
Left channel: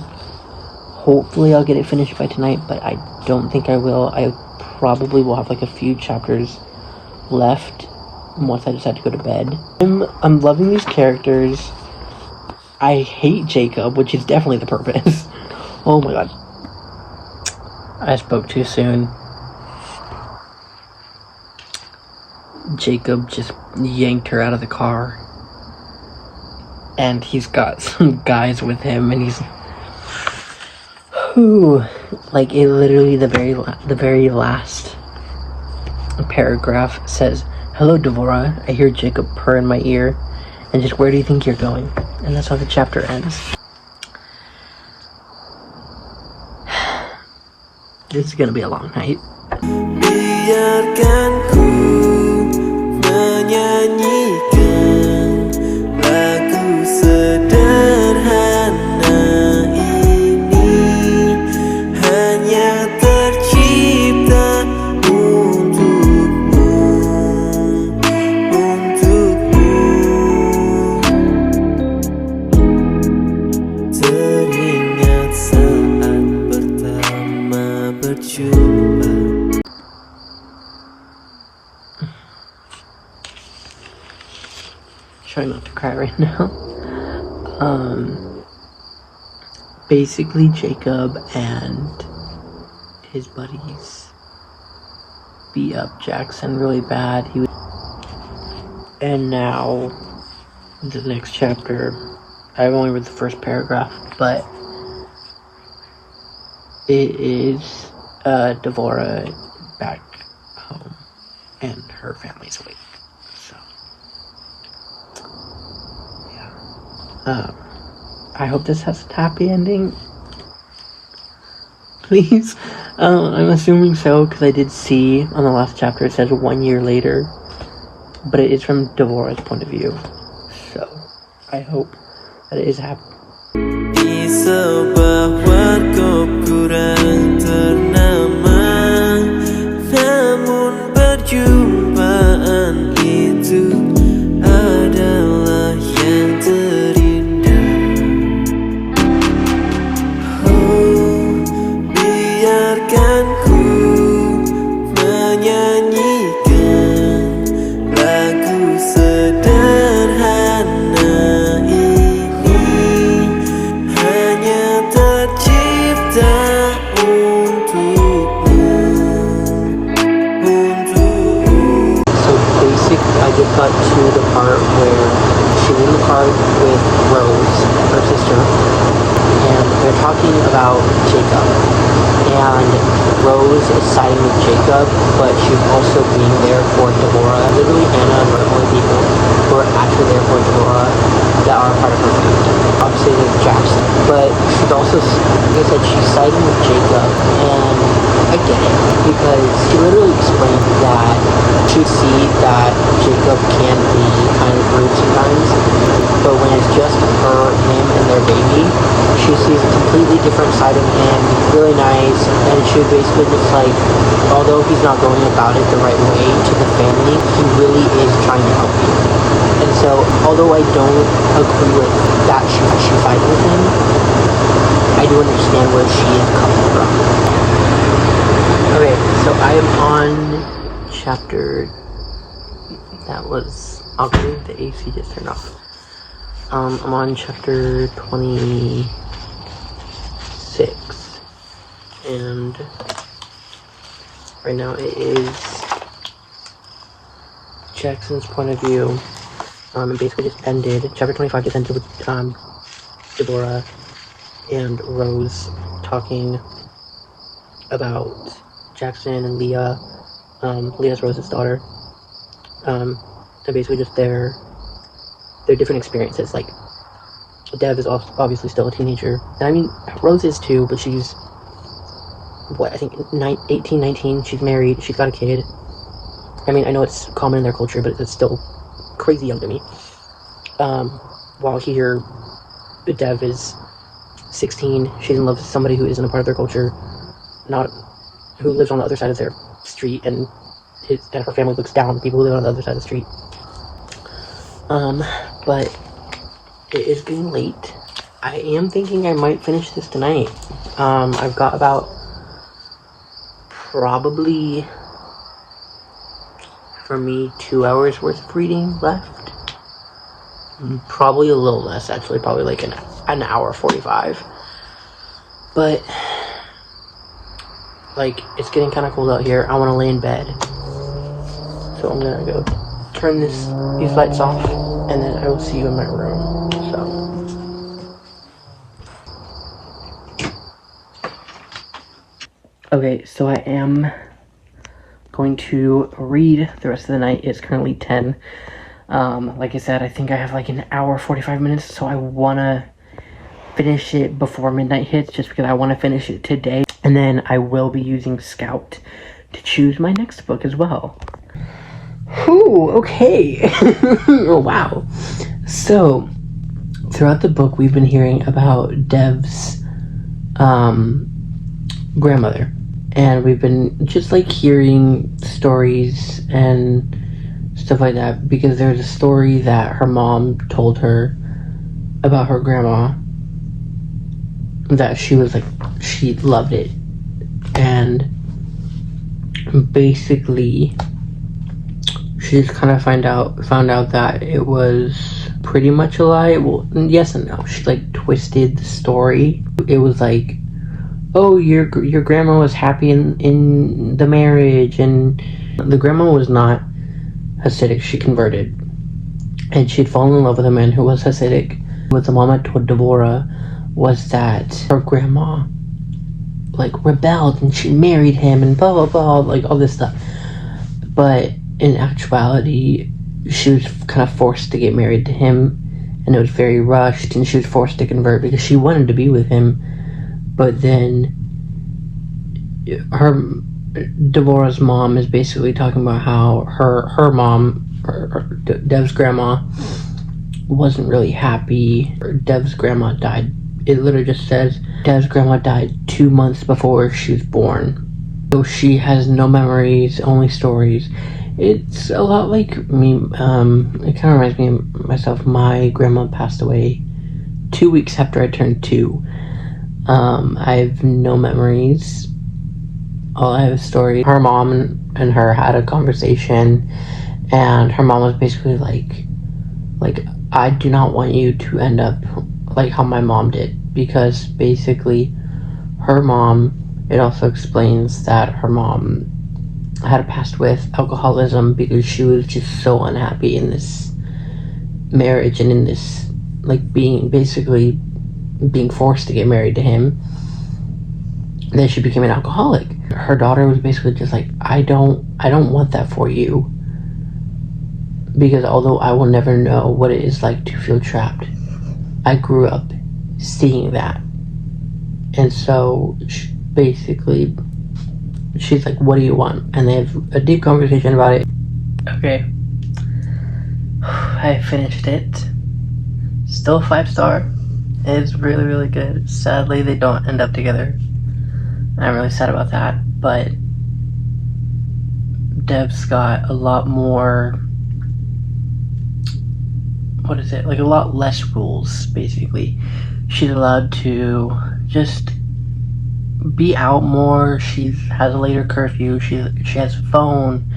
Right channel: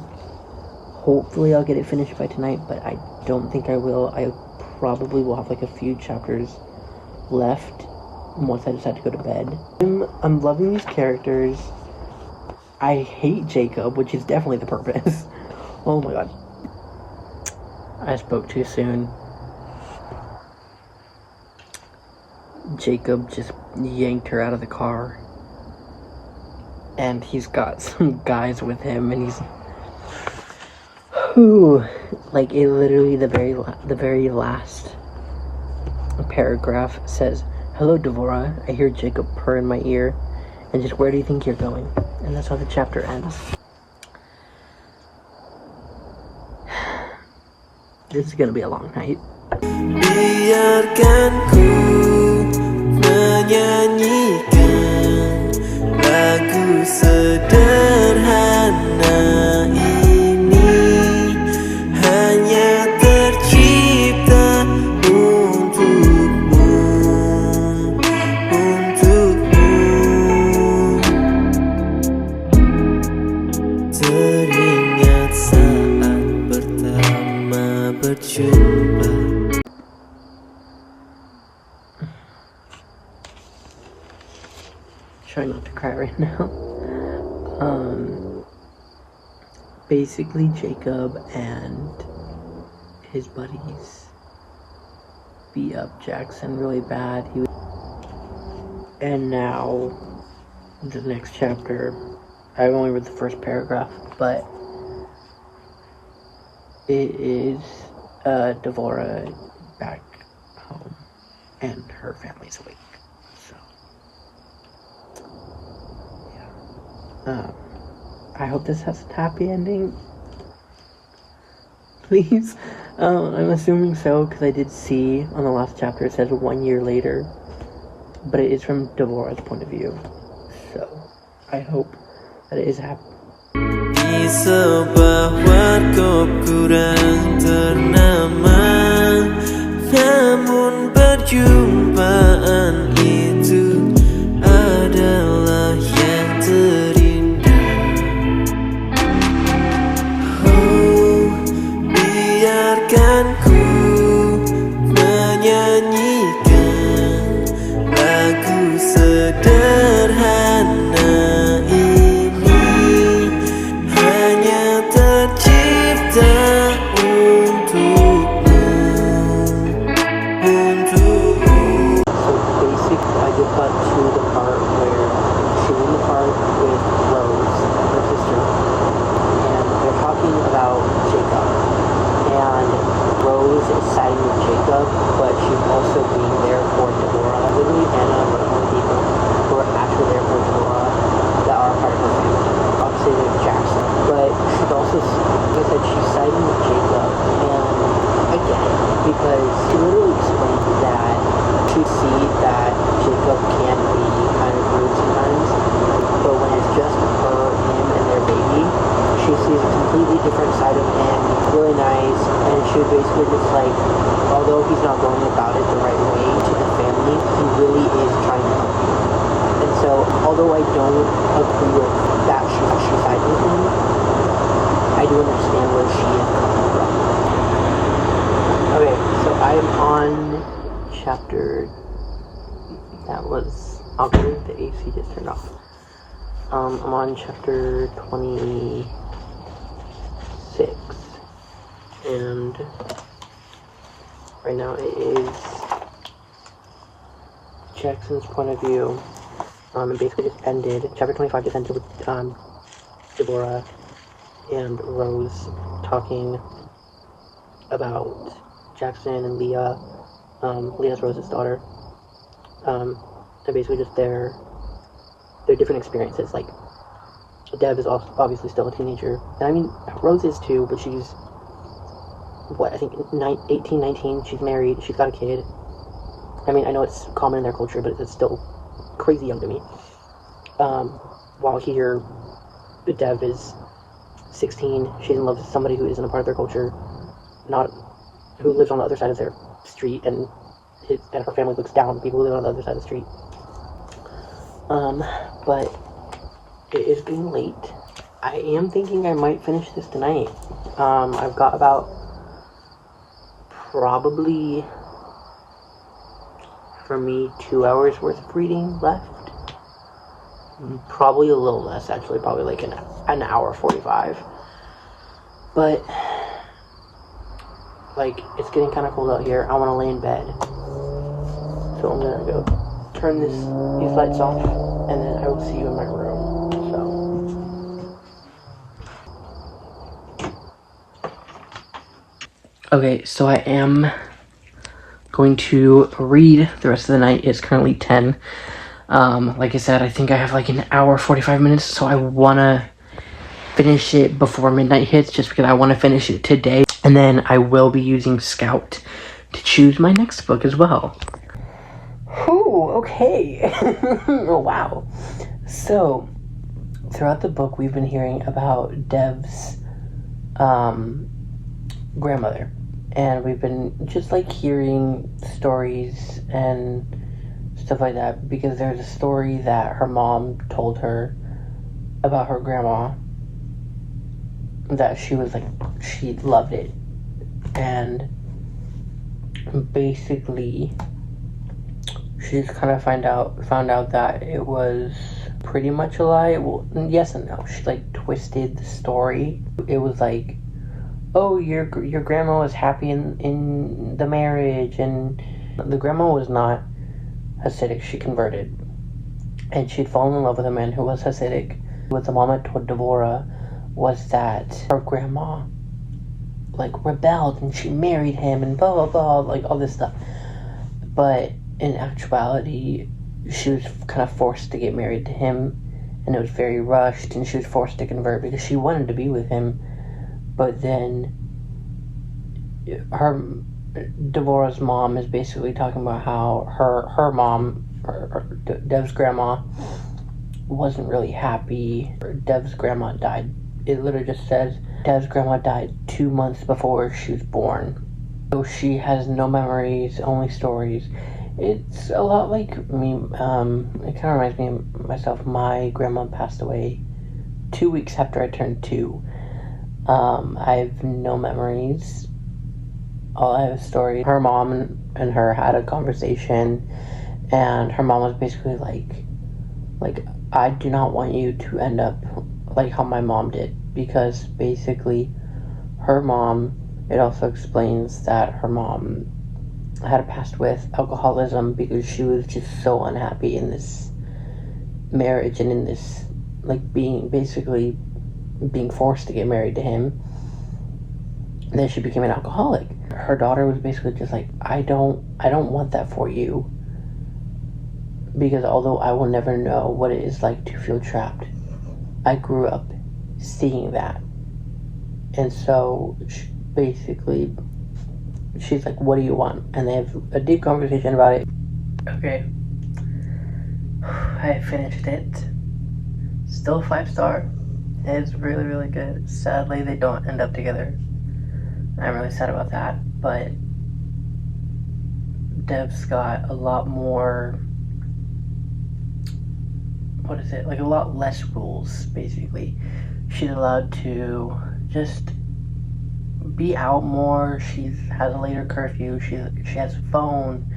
Hopefully I'll get it finished by tonight, but I don't think I will. I probably will have like a few chapters left once I decide to go to bed. I'm loving these characters. I hate Jacob, which is definitely the purpose. Oh my god. I spoke too soon. Jacob just yanked her out of the car. And he's got some guys with him, and he's... Whew. Like, it literally, the very last paragraph says, "Hello, Devora. I hear Jacob purr in my ear. And just where do you think you're going?" And that's how the chapter ends. This is gonna be a long night. Biarkan ku menyanyikan lagu sederhana ini, hanya tercipta untukmu, teringat saat pertama berjumpa. Trying not to cry right now. Basically Jacob and his buddies beat up Jackson really bad. And now the next chapter, I've only read the first paragraph, but it is Devora back home and her family's awake. So yeah. I hope this has a happy ending. Please. I'm assuming so, because I did see on the last chapter it says 1 year later. But it is from Devora's point of view. So I hope that it is happy. Di sebuah warkop kurang ternama, namun perjumpaan itu adalah yang terindah. Oh, biarkan ku menyanyikan lagu there for Deborah that are part of her family. Obviously, there's Jackson, but she's also, like I said, she's siding with Jacob, and I get it, because he literally explained that she see that Jacob can be kind of rude sometimes, but when it's just her, him, and their baby, she sees a completely different side of him, really nice, and she basically just like, although he's not going about it the right way to the family, he really is trying to help you. And so, although I don't agree with that she fighting with him, I do understand where she is coming from. Okay, so I am on chapter, that was, okay, the AC just turned off. I'm on chapter 26, and right now it is Jackson's point of view. It basically just ended, chapter 25 just ended with Deborah and Rose talking about Jackson and Leah. Leah's Rose's daughter. And basically just their different experiences. Like, Dev is obviously still a teenager. And I mean, Rose is too, but she's, what, I think 18, 19, she's married, she's got a kid. I mean, I know it's common in their culture, but it's still crazy young to me. While here, Dev is 16, she's in love with somebody who isn't a part of their culture, who lives on the other side of their street, and her family looks down on people who live on the other side of the street. But it is getting late. I am thinking I might finish this tonight. I've got about probably, for me, 2 hours worth of reading left. Probably a little less, actually, probably like an hour 45. But, like, it's getting kind of cold out here. I want to lay in bed. So I'm gonna go turn these lights off, and then I will see you in my room. So. Okay, so I am going to read the rest of the night. It's currently 10. Like I said, I think I have like an hour 45 minutes, so I want to finish it before midnight hits, just because I want to finish it today. And then I will be using Scout to choose my next book as well. Ooh, okay. Oh, wow. So, throughout the book, we've been hearing about Dev's grandmother. And we've been just like hearing stories and stuff like that, because there's a story that her mom told her about her grandma that she was like, she loved it. And basically she just kind of found out that it was pretty much a lie. Well, yes and no. She like twisted the story. It was like, oh, your grandma was happy in the marriage, and the grandma was not Hasidic. She converted, and she'd fallen in love with a man who was Hasidic. What the mama told Deborah was that her grandma like rebelled and she married him and blah blah blah, like all this stuff. But in actuality, she was kind of forced to get married to him, and it was very rushed, and she was forced to convert because she wanted to be with him. But then Deborah's mom is basically talking about how her mom, Dev's grandma, wasn't really happy. Dev's grandma died. It literally just says Dev's grandma died 2 months before she was born. So she has no memories, only stories. It's a lot like me. It kind of reminds me of myself. My grandma passed away 2 weeks after I turned 2. I have no memories. All I have is stories. Her mom and her had a conversation, and her mom was basically like, I do not want you to end up like how my mom did, because basically her mom, it also explains that her mom had passed with alcoholism because she was just so unhappy in this marriage and in this, like, being forced to get married to him, that she became an alcoholic. Her daughter was basically just like, I don't want that for you, Because although I will never know what it is like to feel trapped, I grew up seeing that. And so basically, she's like, what do you want? And they have a deep conversation about it. Okay. I finished it. Still 5-star. It's really, really good. Sadly, they don't end up together. And I'm really sad about that. But Dev's got a lot more... What is it? Like a lot less rules, basically. She's allowed to just be out more. She has a later curfew. She has a phone.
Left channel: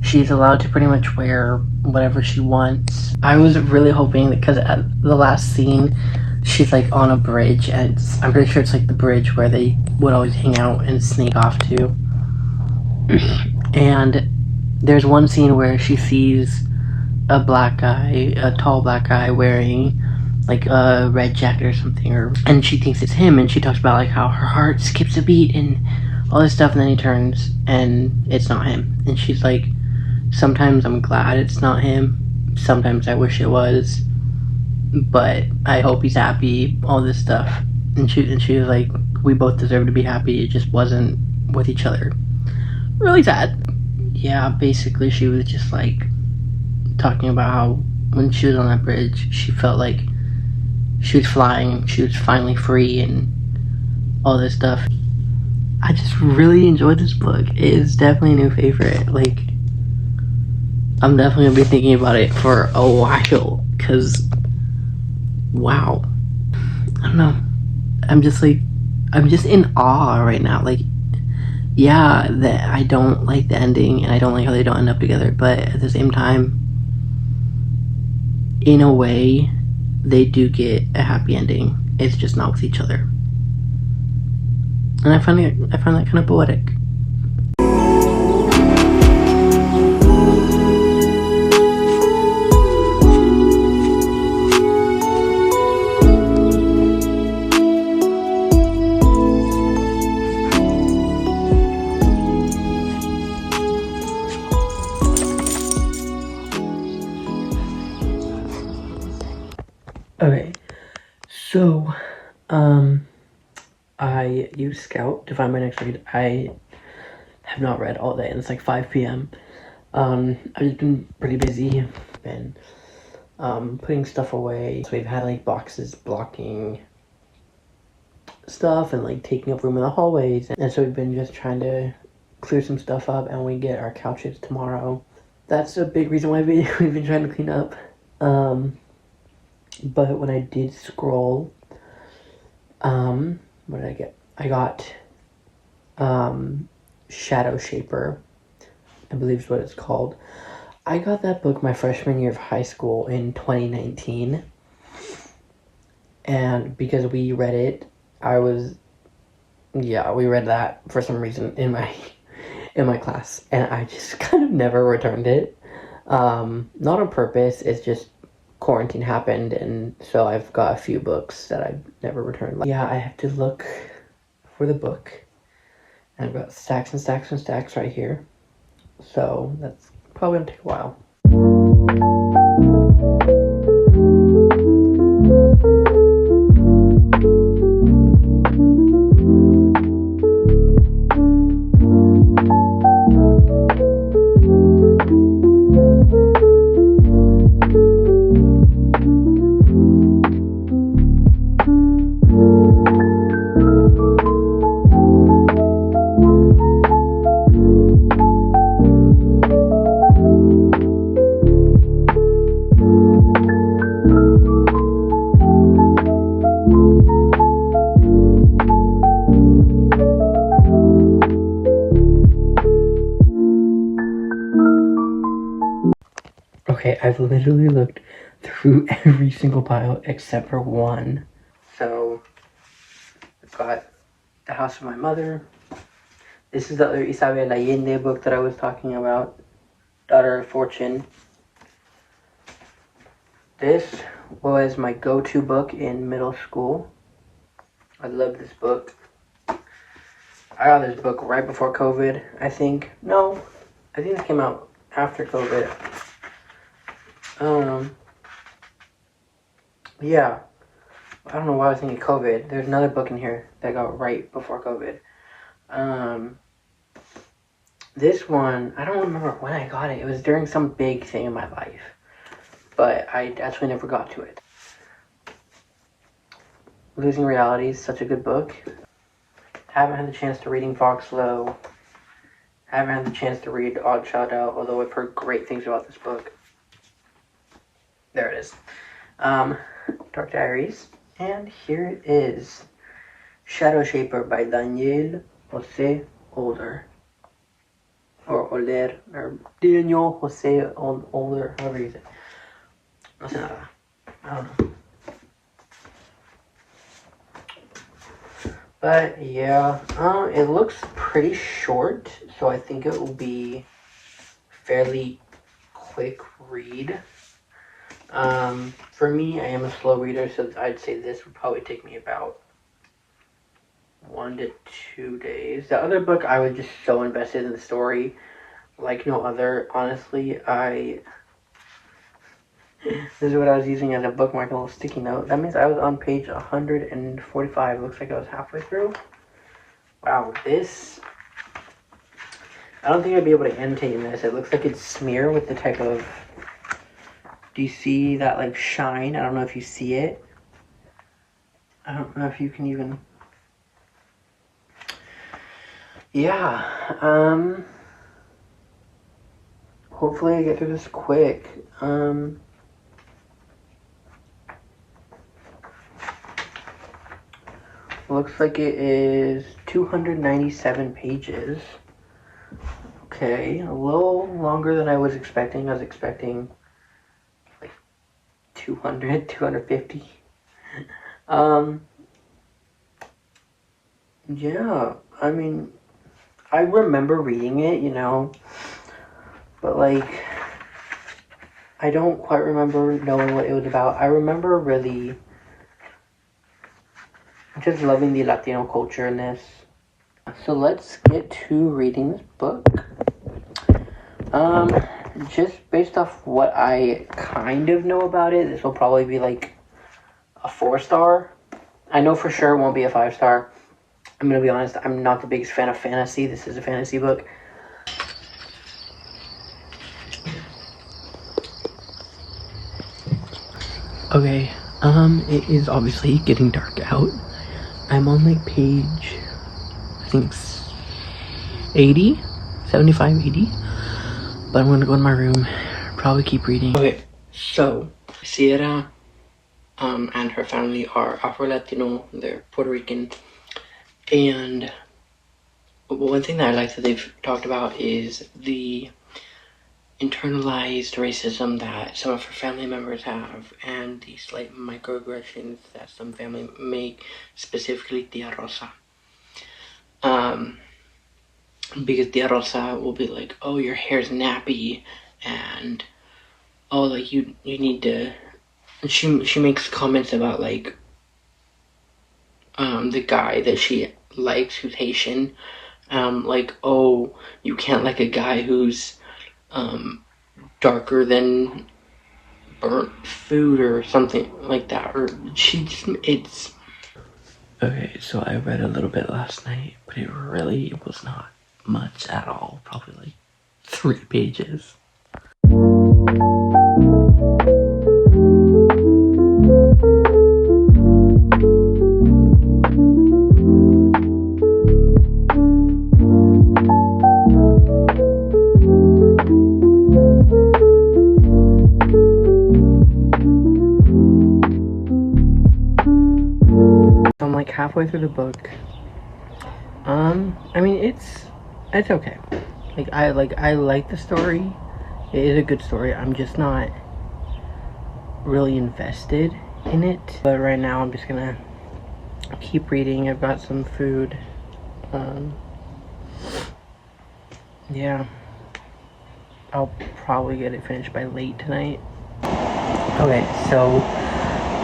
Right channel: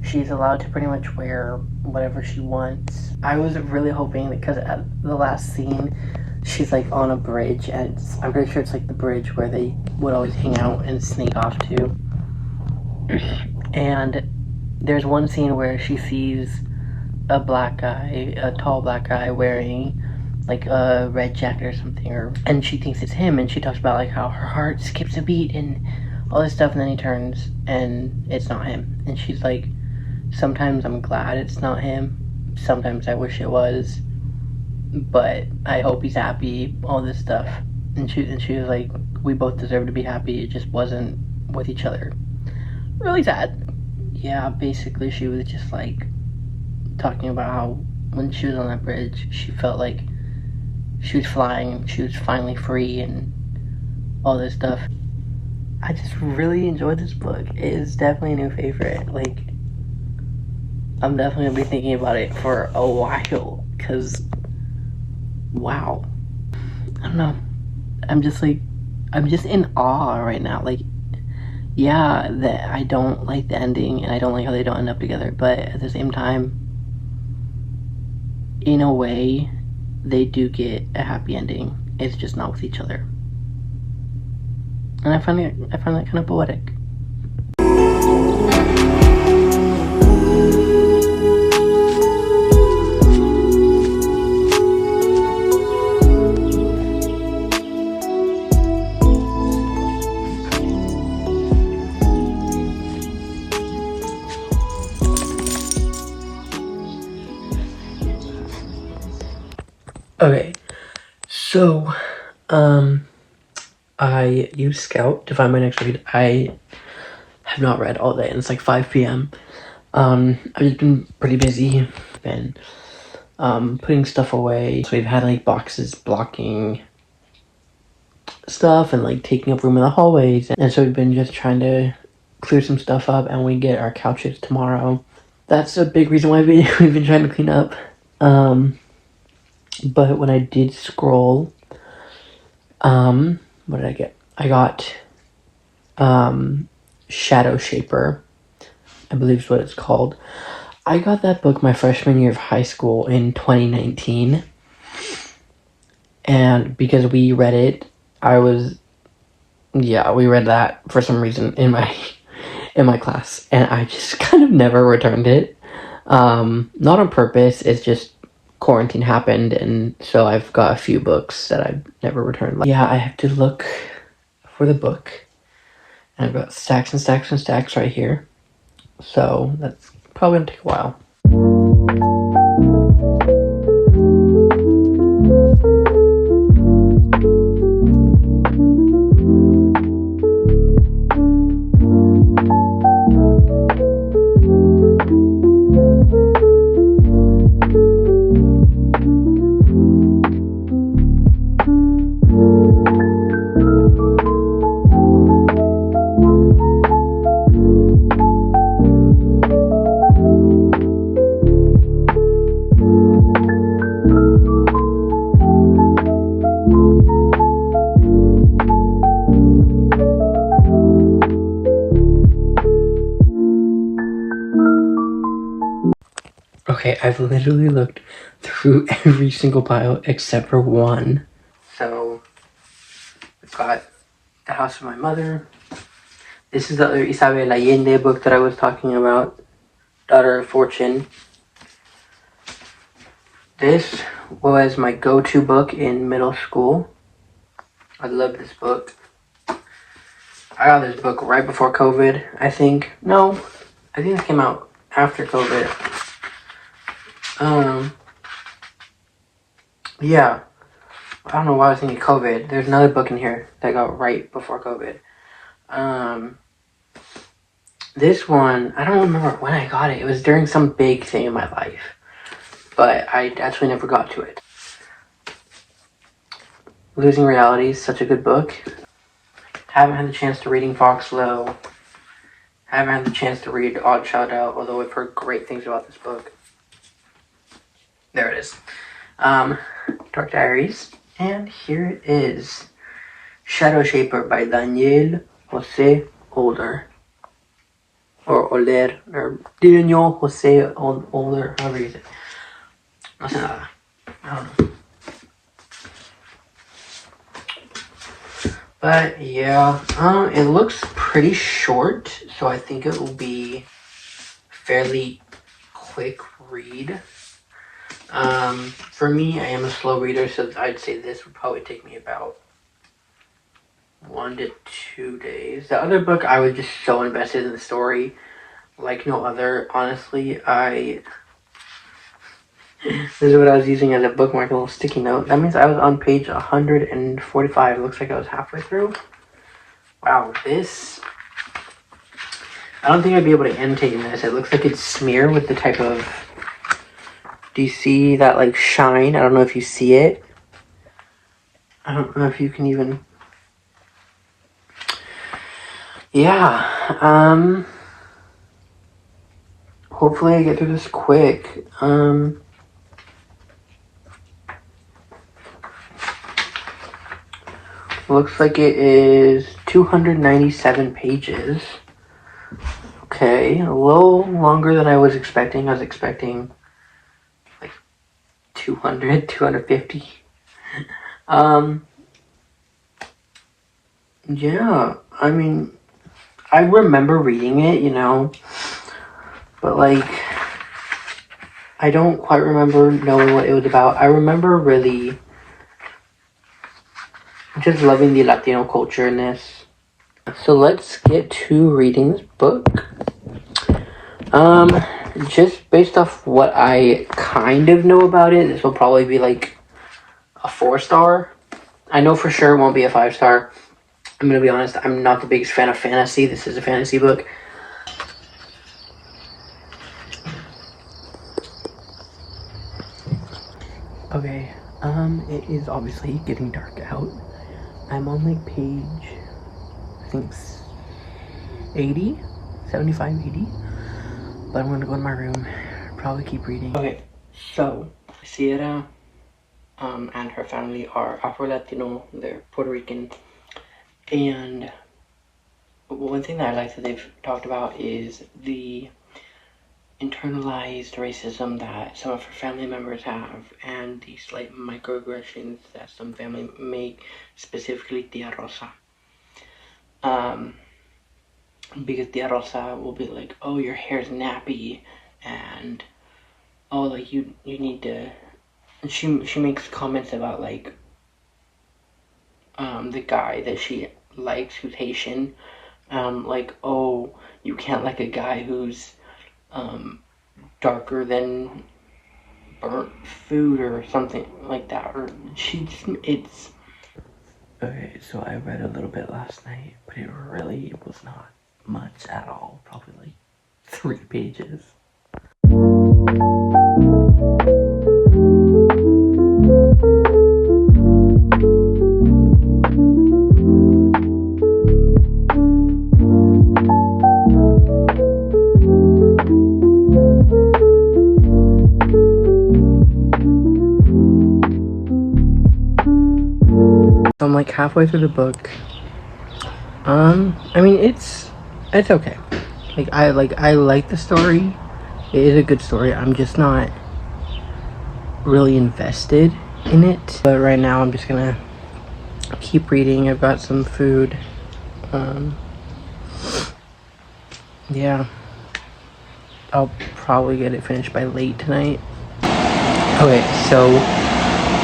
She's allowed to pretty much wear whatever she wants. I was really hoping, because at the last scene, she's like on a bridge, and I'm pretty sure it's like the bridge where they would always hang out and sneak off to. And there's one scene where she sees a tall black guy wearing like a red jacket or something, and she thinks it's him, and she talks about like how her heart skips a beat and all this stuff, and then he turns and it's not him. And she's like, sometimes I'm glad it's not him, sometimes I wish it was, but I hope he's happy, all this stuff. And she was like, we both deserve to be happy, it just wasn't with each other. Really sad. Yeah, basically she was just like talking about how when she was on that bridge, she felt like she was flying, she was finally free and all this stuff. I just really enjoyed this book. It is definitely a new favorite. Like, I'm definitely gonna be thinking about it for a while, because wow. I don't know. I'm just in awe right now. Like, yeah, that I don't like the ending and I don't like how they don't end up together, but at the same time, in a way, they do get a happy ending. It's just not with each other. And I find that kind of poetic. Okay, so, I use Scout to find my next read. I have not read all day, and it's like 5 p.m. I've just been pretty busy, been, putting stuff away. So we've had, like, boxes blocking stuff and, like, taking up room in the hallways. And so we've been just trying to clear some stuff up, and we get our couches tomorrow. That's a big reason why we've been trying to clean up. But when I did scroll, what did I get? I got, Shadowshaper, I believe is what it's called. I got that book my freshman year of high school in 2019. And because we read it, we read that for some reason in my class. And I just kind of never returned it. Not on purpose, it's just quarantine happened, and so I've got a few books that I've never returned. Yeah, I have to look for the book, and I've got stacks and stacks and stacks right here, so that's probably gonna take a while. Okay, I've literally looked through every single pile except for one. So, I've got The House of My Mother. This is the other Isabel Allende book that I was talking about, Daughter of Fortune. This was my go-to book in middle school. I love this book. I got this book right before COVID, I think. No, I think it came out after COVID. Yeah. I don't know why I was thinking COVID. There's another book in here that got right before COVID. This one, I don't remember when I got it. It was during some big thing in my life. But I actually never got to it. Losing Reality is such a good book. Haven't had the chance to reading Foxlow. Haven't had the chance to read Odd Child Out, although I've heard great things about this book. There it is. Dark Diaries. And here it is. Shadowshaper by Daniel José Older. Or Older. Or Daniel José Older. However you say it. I don't know. But yeah, it looks pretty short, so I think it will be fairly quick read. For me, I am a slow reader, so I'd say this would probably take me about 1 to 2 days. The other book, I was just so invested in the story, like no other. Honestly, this is what I was using as a bookmark, a little sticky note. That means I was on page 145. It looks like I was halfway through. Wow, this... I don't think I'd be able to annotate this. It looks like it's smear with the type of... Do you see that, like, shine? I don't know if you see it. I don't know if you can even... Yeah, hopefully I get through this quick. Looks like it is 297 pages. Okay, a little longer than I was expecting. I was expecting like 200, 250. Yeah, I mean, I remember reading it, you know, but like, I don't quite remember knowing what it was about. I remember really just loving the Latino culture in this. So let's get to reading this book. Just based off what I kind of know about it, this will probably be like a 4-star. I know for sure it won't be a 5-star. I'm gonna be honest, I'm not the biggest fan of fantasy. This is a fantasy book. Okay, it is obviously getting dark out. I'm on like page, I think 80, 75, 80. But I'm gonna go in my room, probably keep reading. Okay, so Sierra and her family are Afro-Latino, they're Puerto Rican. And one thing that I like that they've talked about is the internalized racism that some of her family members have, and the slight microaggressions that some family make, specifically Tia Rosa. Because Tia Rosa will be like, oh, your hair's nappy, and oh, like you need to. She makes comments about like the guy that she likes who's Haitian, like, oh, you can't like a guy who's darker than burnt food or something like that, or it's... Okay, so I read a little bit last night, but it really was not much at all, probably like 3 pages. I'm like halfway through the book. I mean, it's okay. I like the story. It is a good story. I'm just not really invested in it. But right now I'm just gonna keep reading. I've got some food. Yeah. I'll probably get it finished by late tonight. Okay, so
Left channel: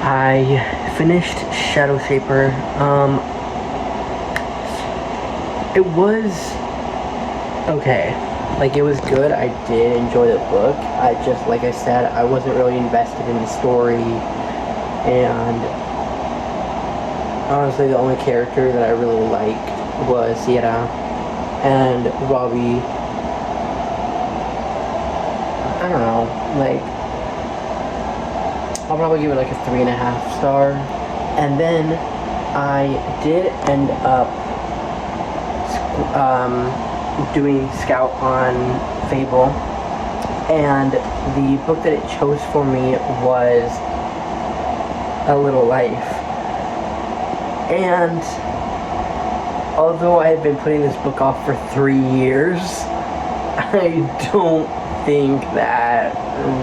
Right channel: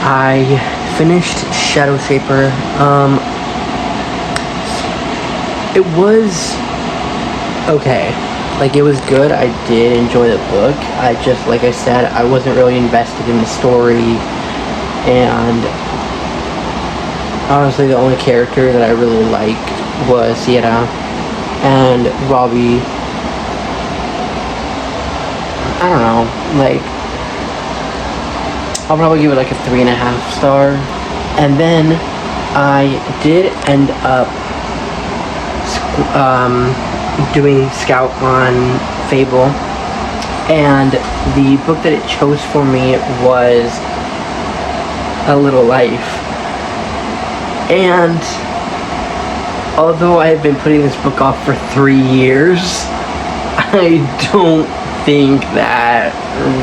I finished Shadowshaper. It was okay. Like, it was good. I did enjoy the book. I just, like I said, I wasn't really invested in the story. And honestly, the only character that I really liked was Sierra and Robbie. I don't know, like, I'll probably give it like a 3.5 star. And then I did end up doing Scout on Fable, and the book that it chose for me was A Little Life. And although I have been putting this book off for 3 years, I don't think that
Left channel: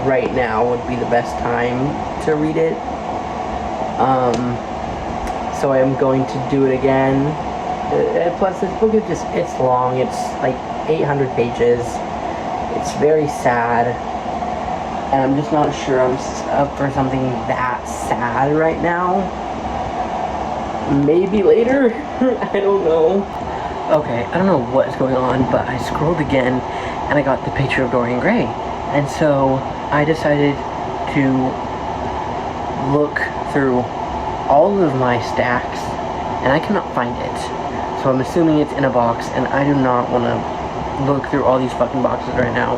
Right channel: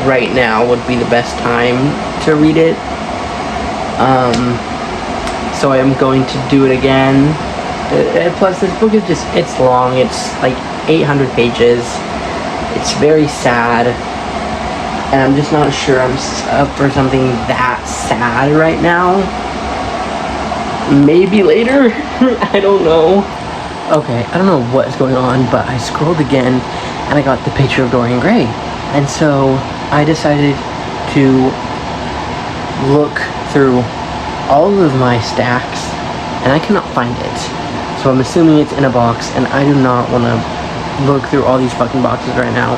right now would be the best time to read it. So I am going to do it again. Plus, this book is just, it's long. It's like 800 pages. It's very sad. And I'm just not sure I'm up for something that sad right now. Maybe later? I don't know. Okay, I don't know what is going on, but I scrolled again and I got the picture of Dorian Gray. And so I decided to look through all of my stacks and I cannot find it. So I'm assuming it's in a box, and I do not want to look through all these fucking boxes right now.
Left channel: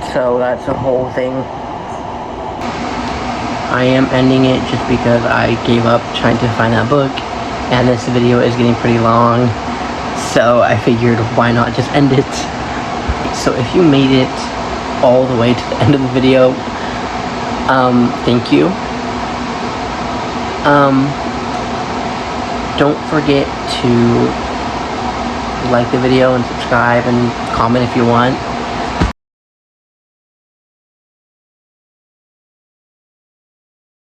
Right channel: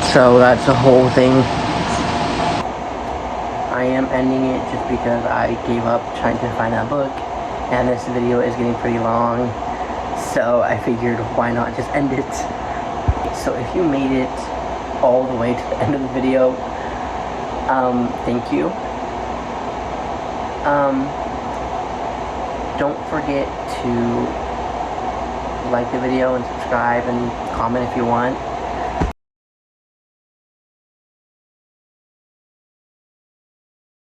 So that's the whole thing. I am ending it just because I gave up trying to find that book, and this video is getting pretty long. So I figured, why not just end it? So if you made it all the way to the end of the video, thank you. Don't forget to like the video and subscribe and comment if you want.